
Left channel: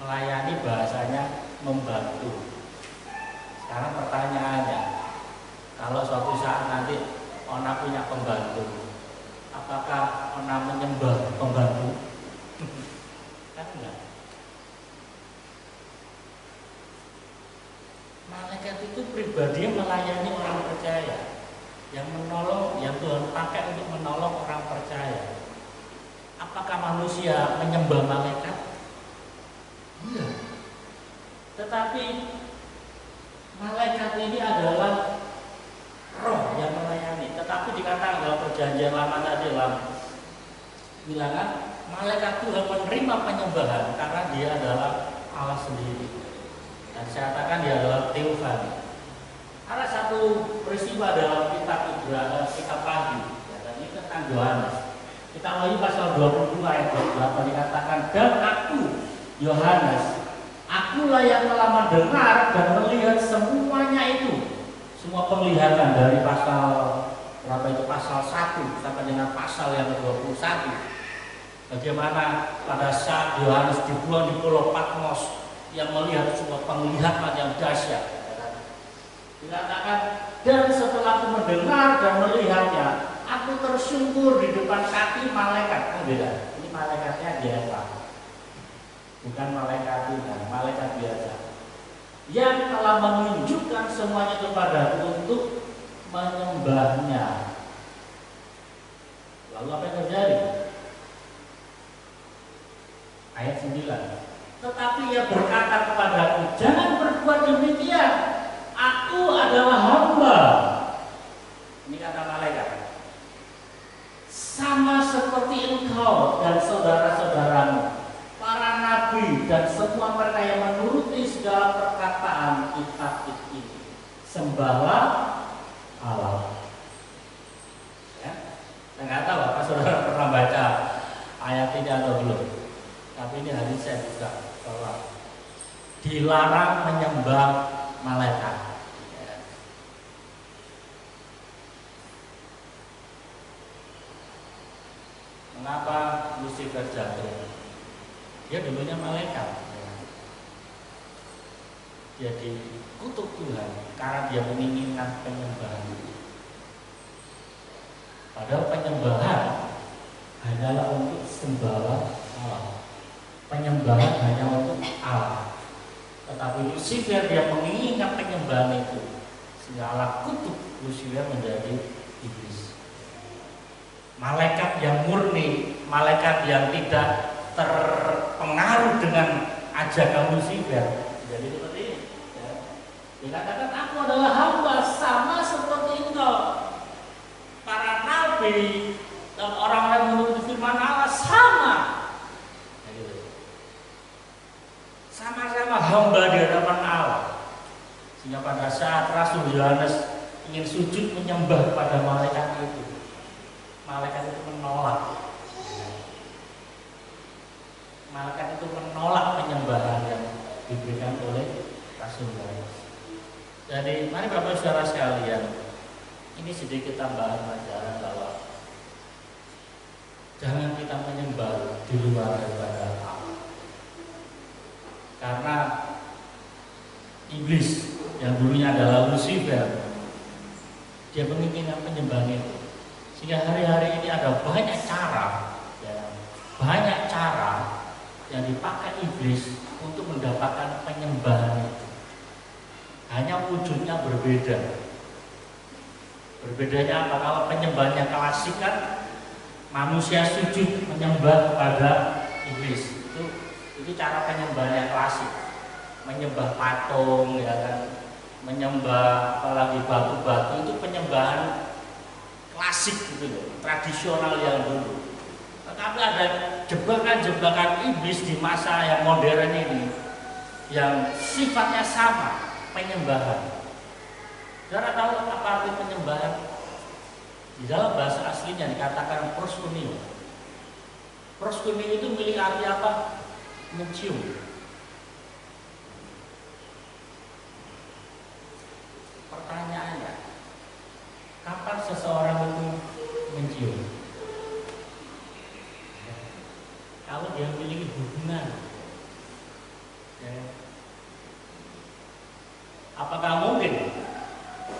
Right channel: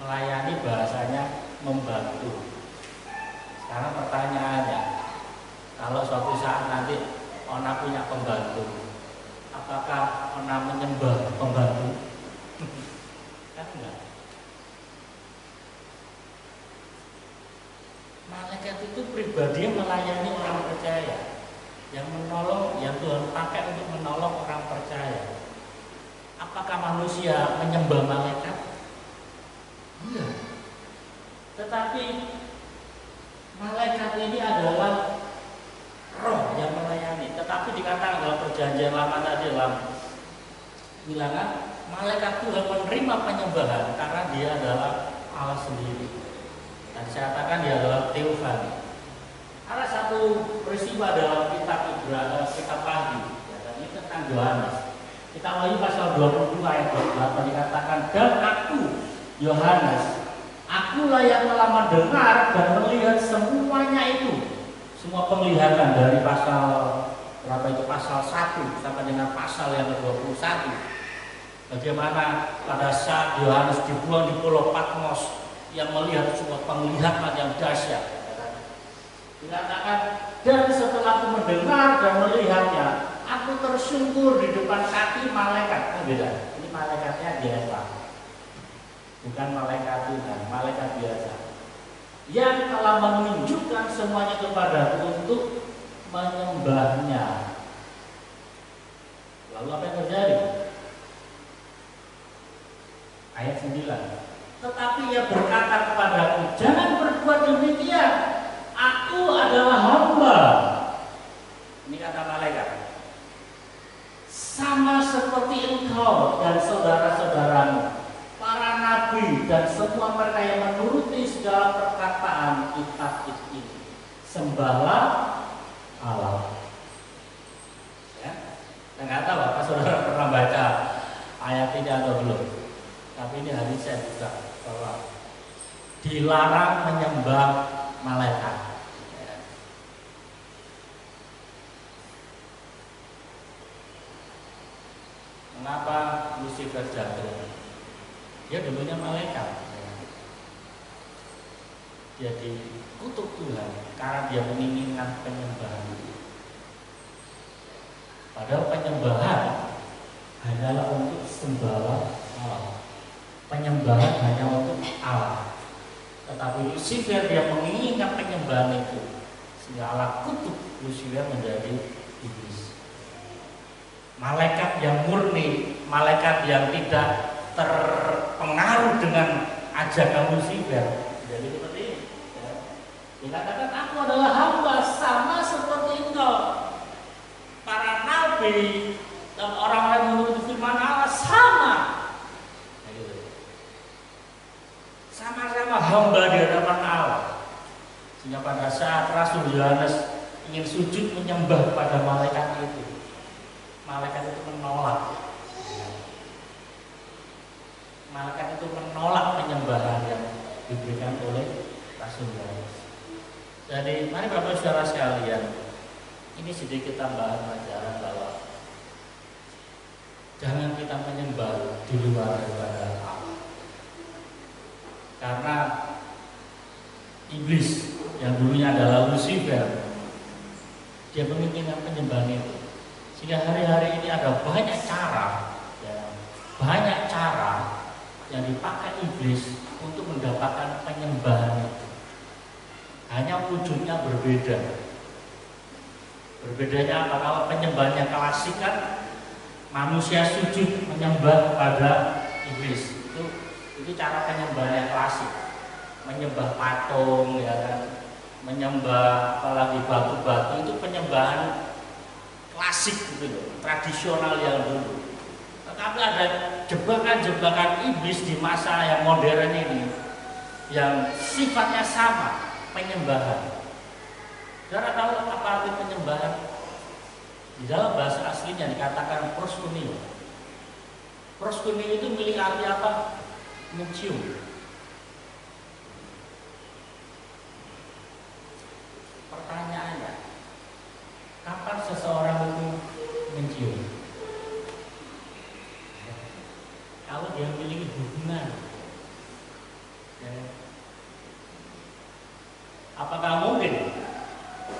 Melayani bahasanya membantu. Sekarang pertanyaannya, kalau suatu saat nanti Ona punya pembantu, apakah Ona menyembah pembantu? Kan enggak. Malaikat itu pribadi melayani orang percaya, yang menolong, yang Tuhan pakai untuk menolong orang percaya. Apakah manusia menyembah malaikat? Iya. Tetapi malaikat ini adalah roh yang melayani. Tetapi dikatakan dalam perjanjian lama tadi, dalam bilangan malaikat Tuhan menerima penyembahan karena dia adalah Allah sendiri. Dan saya katakan dia adalah teofani. Ada satu peristiwa dalam kitab Ibrani, kitab Pagi, ya, dan ini tentang Yohanes. Kita mulai pasal 22 ayat 28 dikatakan, dan aku Yohanes, akulah yang telah mendengar dan melihat semuanya itu. Semua penglihatan dari pasal berapa itu, pasal 1 sampai dengan pasal yang ke-21. Bagaimana pada saat Yohanes dibuang di Pulau Patmos, yang melihat sebuah penglihatan yang dahsyat. Dikatakan, dan setelah aku mendengar dan melihatnya, aku tersungkur di depan kaki malaikat. Oh beda, ini malaikatnya biasa, bukan malaikat Tuhan, malaikat biasa, yang telah menunjukkan semuanya kepadaku untuk menyembahnya. Lalu apa yang terjadi? Ayat 9. Tetapi ia berkata kepadaku, jangan berbuat demikian, aku adalah hamba. Ini kata malaikat, sama seperti engkau dan saudara-saudaramu, para nabi dan semua mereka yang menuruti segala perkataan kitab ini. sembahlah Allah. Ya, saya nggak tahu apa saudara pernah baca ayat ini atau belum. Tapi ini hari saya buka bahwa dilarang menyembah malaikat. Ya. Mengapa Lucifer jatuh? Dia dulunya malaikat. Ya. Dia dikutuk Tuhan karena dia menginginkan penyembahan. Padahal penyembahan hanyalah untuk sembah Allah. Penyembahan hanya untuk Allah. Tetapi Lucifer dia menginginkan penyembahan itu, sehingga Allah kutuk Lucifer menjadi iblis. Malaikat yang murni, malaikat yang tidak terpengaruh dengan ajakan Lucifer, jadi seperti ini. Ya. Dia katakan, aku adalah hamba sama seperti engkau. Para nabi dan orang-orang menurut firman Allah sama. Ya, gitu. Sama-sama hamba di hadapan Allah. Sehingga pada saat Rasul Yohanes ingin sujud menyembah pada malaikat itu, malaikat itu menolak. Malaikat itu menolak penyembahan yang diberikan oleh Rasul Yohanes. Jadi mari Bapak Saudara sekalian, ini sedikit tambahan pelajaran bahwa jangan kita menyembah di luar daripada Allah. Karena iblis yang dulunya adalah Lucifer, dia menginginkan penyembahan itu. Sehingga hari-hari ini ada banyak cara, ya, banyak cara yang dipakai iblis untuk mendapatkan penyembahan itu. Hanya wujudnya berbeda. Berbedanya apa? Kalau penyembahannya klasik kan manusia sujud menyembah kepada iblis. Itu cara penyembahannya klasik. Menyembah patung, ya kan? Menyembah apalagi batu-batu, itu penyembahan klasik gitu loh, tradisional yang dulu. Tetapi ada jebakan-jebakan iblis di masa yang modern ini yang sifatnya sama, penyembahan. Saudara tahu apa arti penyembahan? Di dalam bahasa aslinya dikatakan proskuneo. Proskuneo itu milik arti apa? Mencium. Pertanyaannya, kapan seseorang itu mencium? Kalau dia memiliki hubungan, ya. Apakah mungkin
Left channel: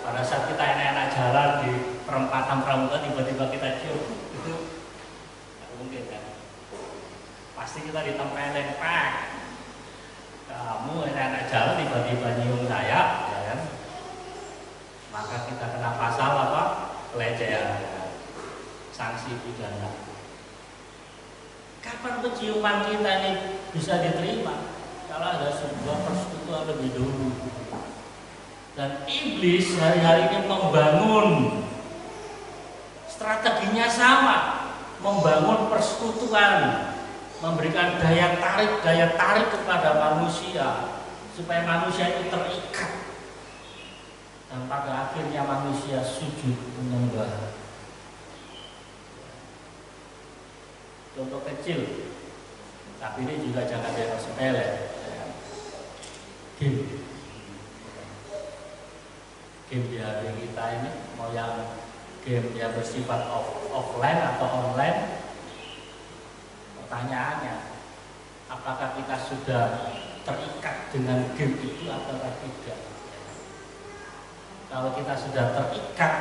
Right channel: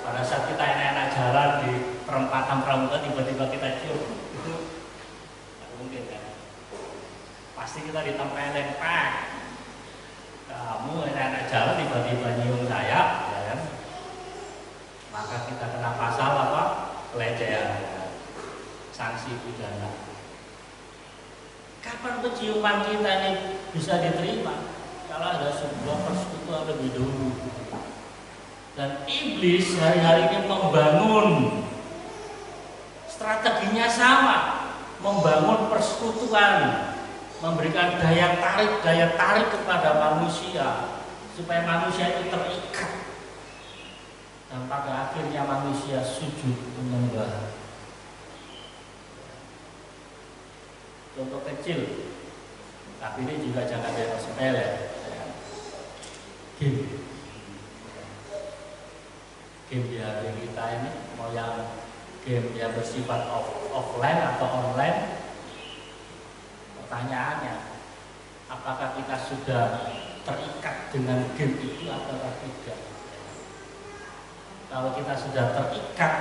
pada saat kita enak-enak jalan di perempatan pramuka tiba-tiba kita cium? Itu tidak mungkin kan? Pasti kita ditempelin, pak. Kamu enak-enak jalan tiba-tiba nyium saya, ya kan? Maka kita kena pasal apa? Pelecehan, ya. Sanksi pidana. Kapan penciuman kita ini bisa diterima? Kalau ada sebuah persekutuan lebih dulu. Dan iblis hari-hari ini membangun strateginya sama, membangun persekutuan, memberikan daya tarik kepada manusia supaya manusia itu terikat, dan pada akhirnya manusia sujud menyembah. Contoh kecil, tapi ini juga jangan dianggap sepele. Game di hari kita ini mau yang game yang bersifat offline atau online, pertanyaannya, apakah kita sudah terikat dengan game itu atau tidak? Kalau kita sudah terikat,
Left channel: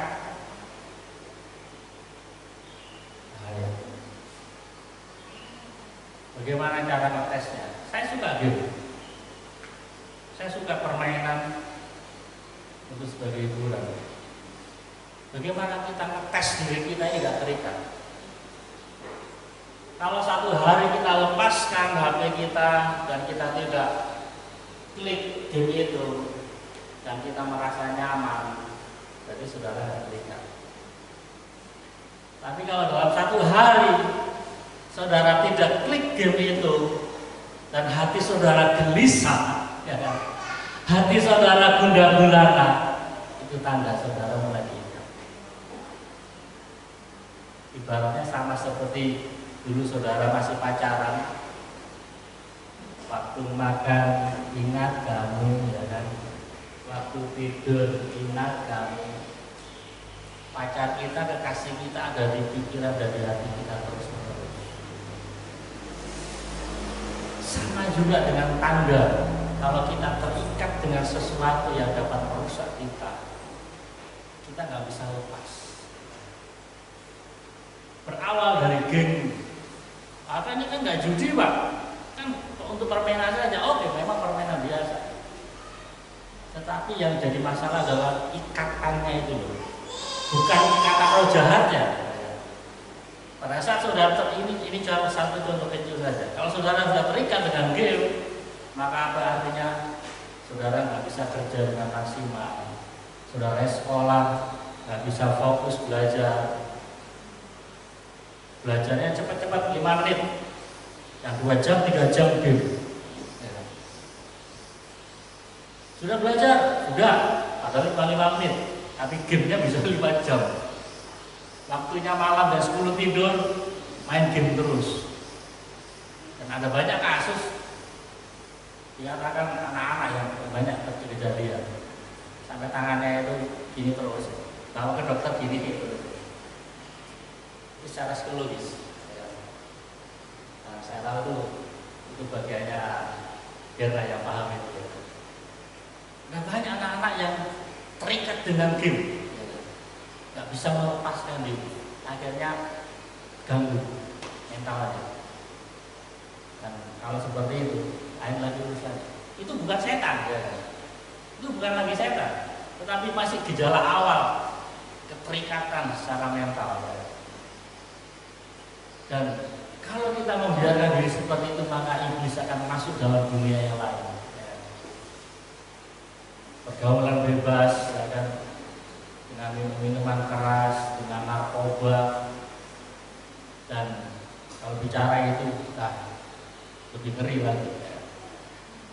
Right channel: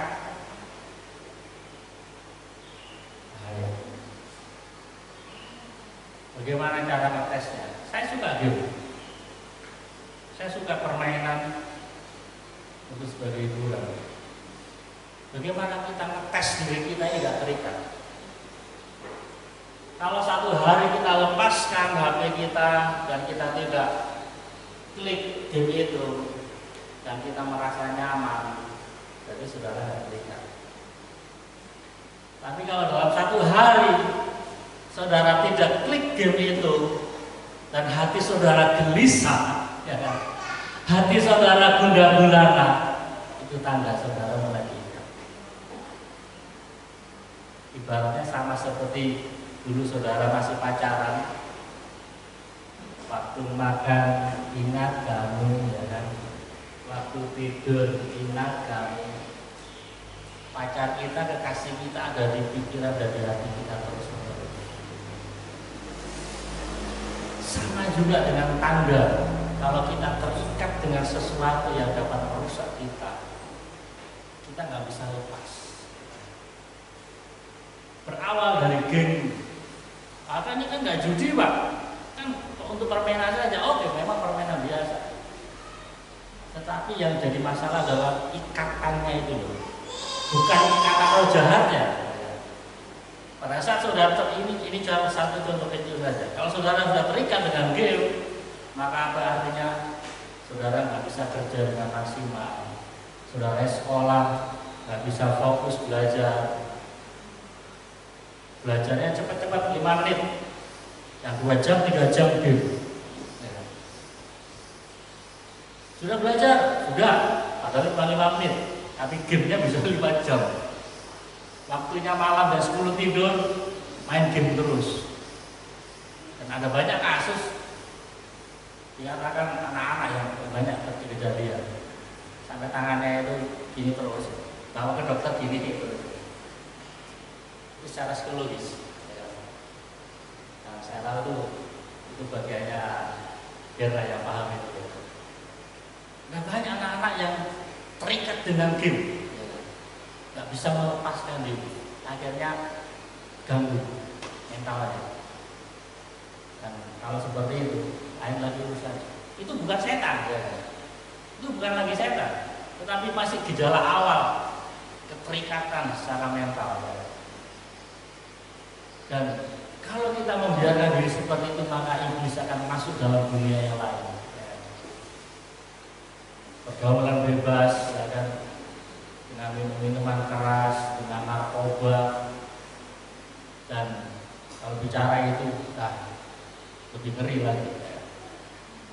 bagaimana cara ngetesnya? Saya suka game, saya suka permainan untuk sebagai hiburan. Bagaimana kita ngetes diri kita ini tidak terikat? Kalau satu hari kita lepaskan HP kita dan kita tidak klik game itu dan kita merasa nyaman, jadi saudara tidak terikat. Tapi kalau dalam satu hari saudara tidak klik game itu dan hati saudara gelisah, ya kan? Hati saudara gundah gulana, itu tanda saudara mulai diingat. Ibaratnya sama seperti dulu saudara masih pacaran, waktu makan ingat kamu, ya kan? Waktu tidur ingat kamu. Pacar kita, kekasih kita ada di pikiran dan di hati kita terus menerus. Sama juga dengan tanda, kalau kita terikat dengan sesuatu yang dapat merusak kita nggak bisa lepas. Berawal dari game, ini kan nggak judi pak, kan untuk permainan saja, oke memang permainan biasa. Tetapi yang jadi masalah adalah ikatannya itu loh, bukan ikatan roh jahatnya. Pada saat saudara ini cuma satu contoh kecil saja. Kalau saudara sudah terikat dengan game, maka apa artinya? Saudara nggak bisa kerja dengan maksimal. Saudara sekolah nggak bisa fokus belajar. Belajarnya cepat-cepat 5 menit, yang 2 jam 3 jam game. Sudah belajar, sudah, padahal 5 menit, tapi gamenya bisa 5 jam. Waktunya malam dan 10 tidur, main game terus. Dan ada banyak kasus dikatakan anak-anak yang banyak kejadian sampai tangannya itu gini terus, bawa ke dokter gini terus. Itu secara psikologis. Nah, saya tahu itu bagiannya Gerda yang paham itu. Nah, banyak anak-anak yang terikat dengan game, nggak bisa melepaskan diri, akhirnya ganggu mentalnya. Dan kalau seperti itu, lain lagi urusan. Itu bukan setan, itu bukan lagi setan, tetapi masih gejala awal keterikatan secara mental. Dan kalau kita membiarkan diri seperti itu, maka iblis akan masuk dalam dunia yang lain. Pergaulan bebas, ya kan? Dengan minuman keras, dengan narkoba, dan kalau bicara itu lebih ngeri lagi.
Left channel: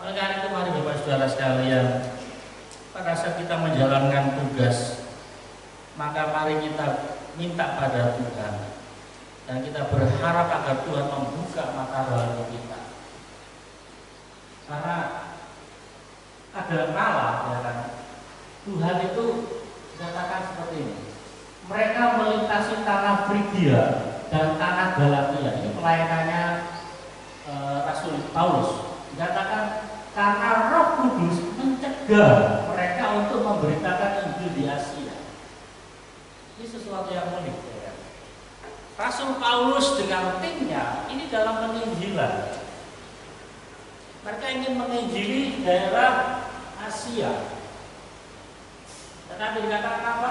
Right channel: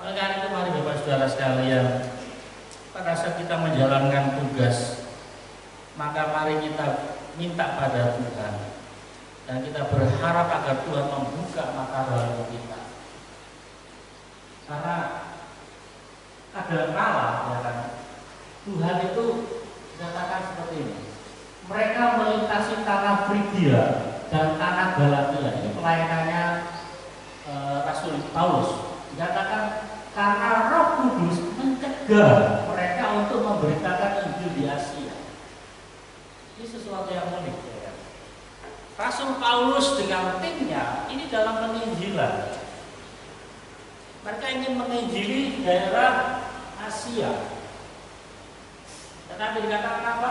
Oleh karena itu, mari Bapak Saudara sekalian, pada saat kita menjalankan tugas, maka mari kita minta pada Tuhan dan kita berharap agar Tuhan membuka mata rohani kita. Karena kadang kala, ya kan, Tuhan itu dikatakan seperti ini. Mereka melintasi tanah Frigia dan tanah Galatia. Ini pelayanannya Rasul Paulus. Dikatakan karena Roh Kudus mencegah mereka untuk memberitakan Injil di Asia. Ini sesuatu yang unik, ya. Rasul Paulus dengan timnya ini dalam penginjilan. Mereka ingin menginjili daerah Asia. Tetapi dikatakan apa?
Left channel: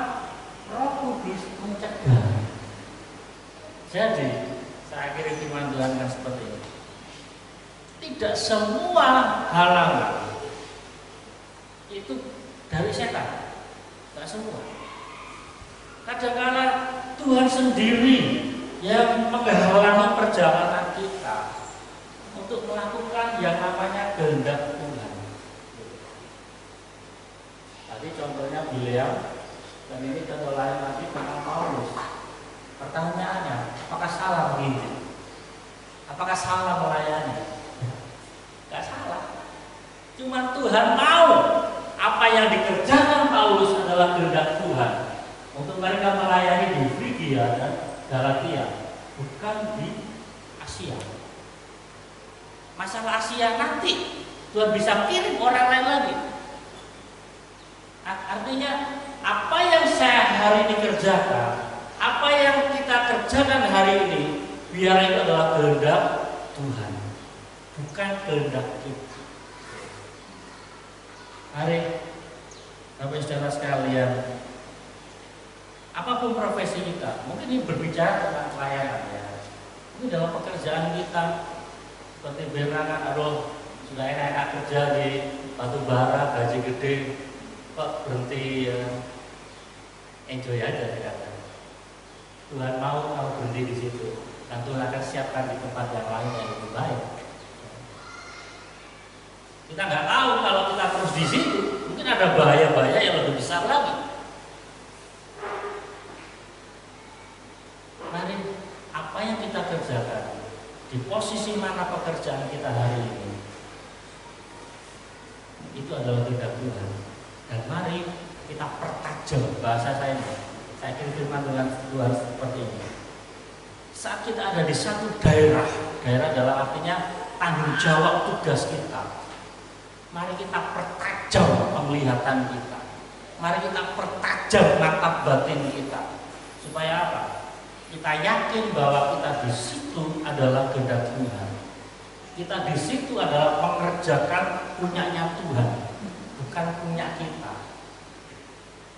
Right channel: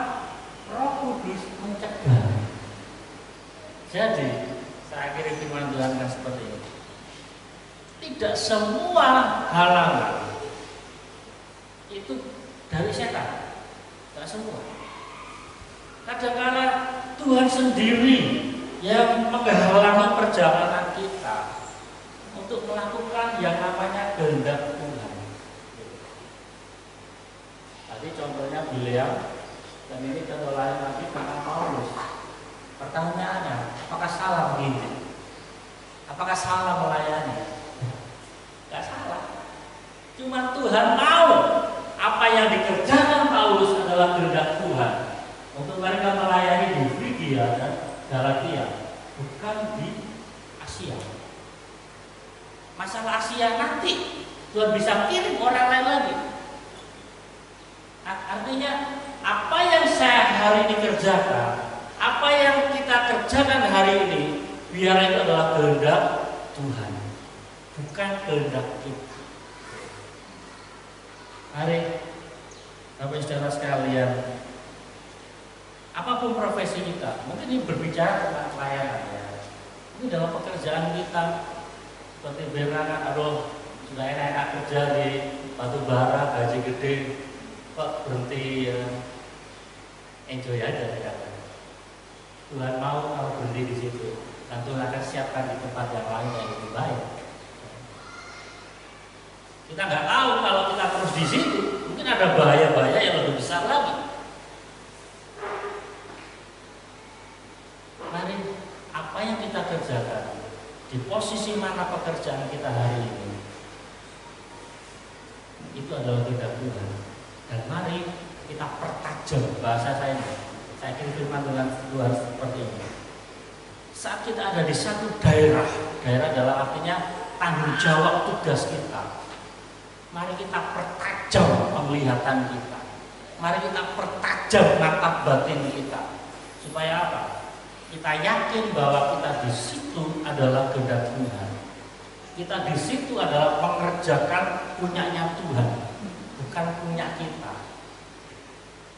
Roh Kudus mencegah. Jadi saya akhiri firman Tuhan kan seperti ini. Tidak semua halangan itu dari setan, tidak semua. Kadang-kadang Tuhan sendiri yang menghalangi perjalanan kita untuk melakukan yang namanya kehendak Tuhan. Tadi contohnya Bileam, dan ini contoh lain lagi tentang Paulus. Pertanyaannya, apakah salah menginjil? Apakah salah melayani? Gak salah. Cuma Tuhan tahu apa yang dikerjakan Paulus adalah kehendak Tuhan untuk mereka melayani di Frigia dan Galatia, bukan di Asia. Masalah Asia nanti Tuhan bisa kirim orang lain lagi. Artinya apa yang saya hari ini kerjakan, apa yang kita kerjakan hari ini, biar itu adalah kehendak Tuhan, bukan kehendak kita. Mari Bapak Saudara sekalian, apapun profesi kita, mungkin ini berbicara tentang pelayanan, ya. Ini dalam pekerjaan kita, seperti berangan, aduh sudah enak-enak kerja di batu bara, gaji gede, kok berhenti, ya. Enjoy aja, ya. Tuhan mau kalau berhenti di situ, dan Tuhan akan siapkan di tempat yang lain yang lebih baik. Kita nggak tahu kalau kita terus di situ, mungkin ada bahaya-bahaya yang lebih besar lagi. di posisi mana pekerjaan kita hari ini, itu adalah kehendak Tuhan. Dan mari kita pertajam bahasa saya kira firman Tuhan seperti ini. Saat kita ada di satu daerah adalah artinya tanggung jawab tugas kita. Mari kita pertajam penglihatan kita. Mari kita pertajam mata batin kita. Supaya apa? Kita yakin bahwa kita di situ adalah kehendak Tuhan. Kita di situ adalah mengerjakan punyanya Tuhan, bukan punya kita.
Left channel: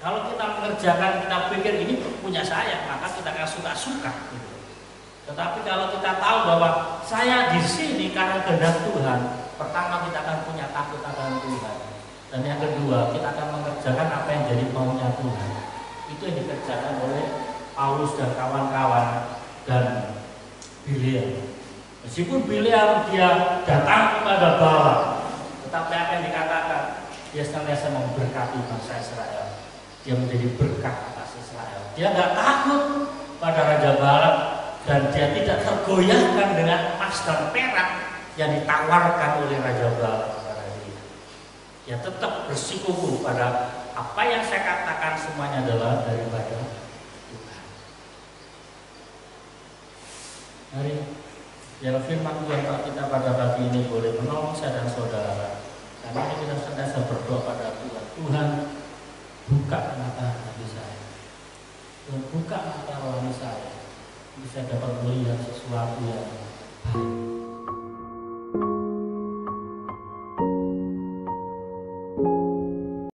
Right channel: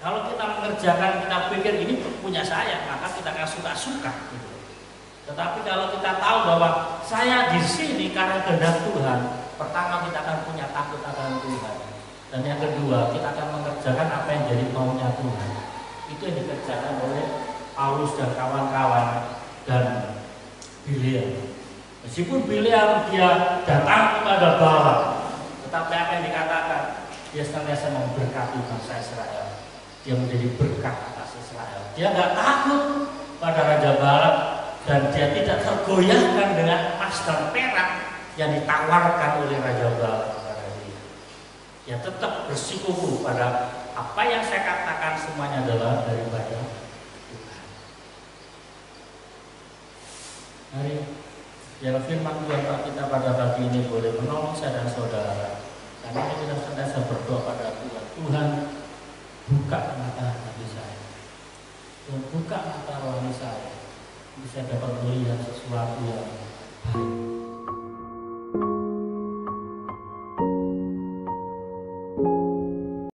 Kalau kita mengerjakan, kita pikir ini punya saya, maka kita akan suka-suka. Gitu. Tetapi kalau kita tahu bahwa saya di sini karena kehendak Tuhan, pertama kita akan punya takut akan Tuhan. Dan yang kedua, kita akan mengerjakan apa yang jadi maunya Tuhan. Itu yang dikerjakan oleh Paulus dan kawan-kawan dan Bileam. Meskipun Bileam dia datang kepada Balak, tetapi apa yang dikatakan, dia senantiasa memberkati bangsa Israel. Dia menjadi berkat atas Israel. Dia nggak takut pada Raja Balak dan dia tidak tergoyahkan dengan emas dan perak yang ditawarkan oleh Raja Balak kepada dia. Dia tetap bersikukuh pada apa yang saya katakan semuanya adalah daripada Tuhan. Mari biar firman Tuhan kita pada pagi ini boleh menolong saya dan saudara. Karena kita senantiasa berdoa pada Tuhan. Tuhan, buka mata hati saya. Tuhan, buka mata rohani saya. Bisa dapat melihat sesuatu yang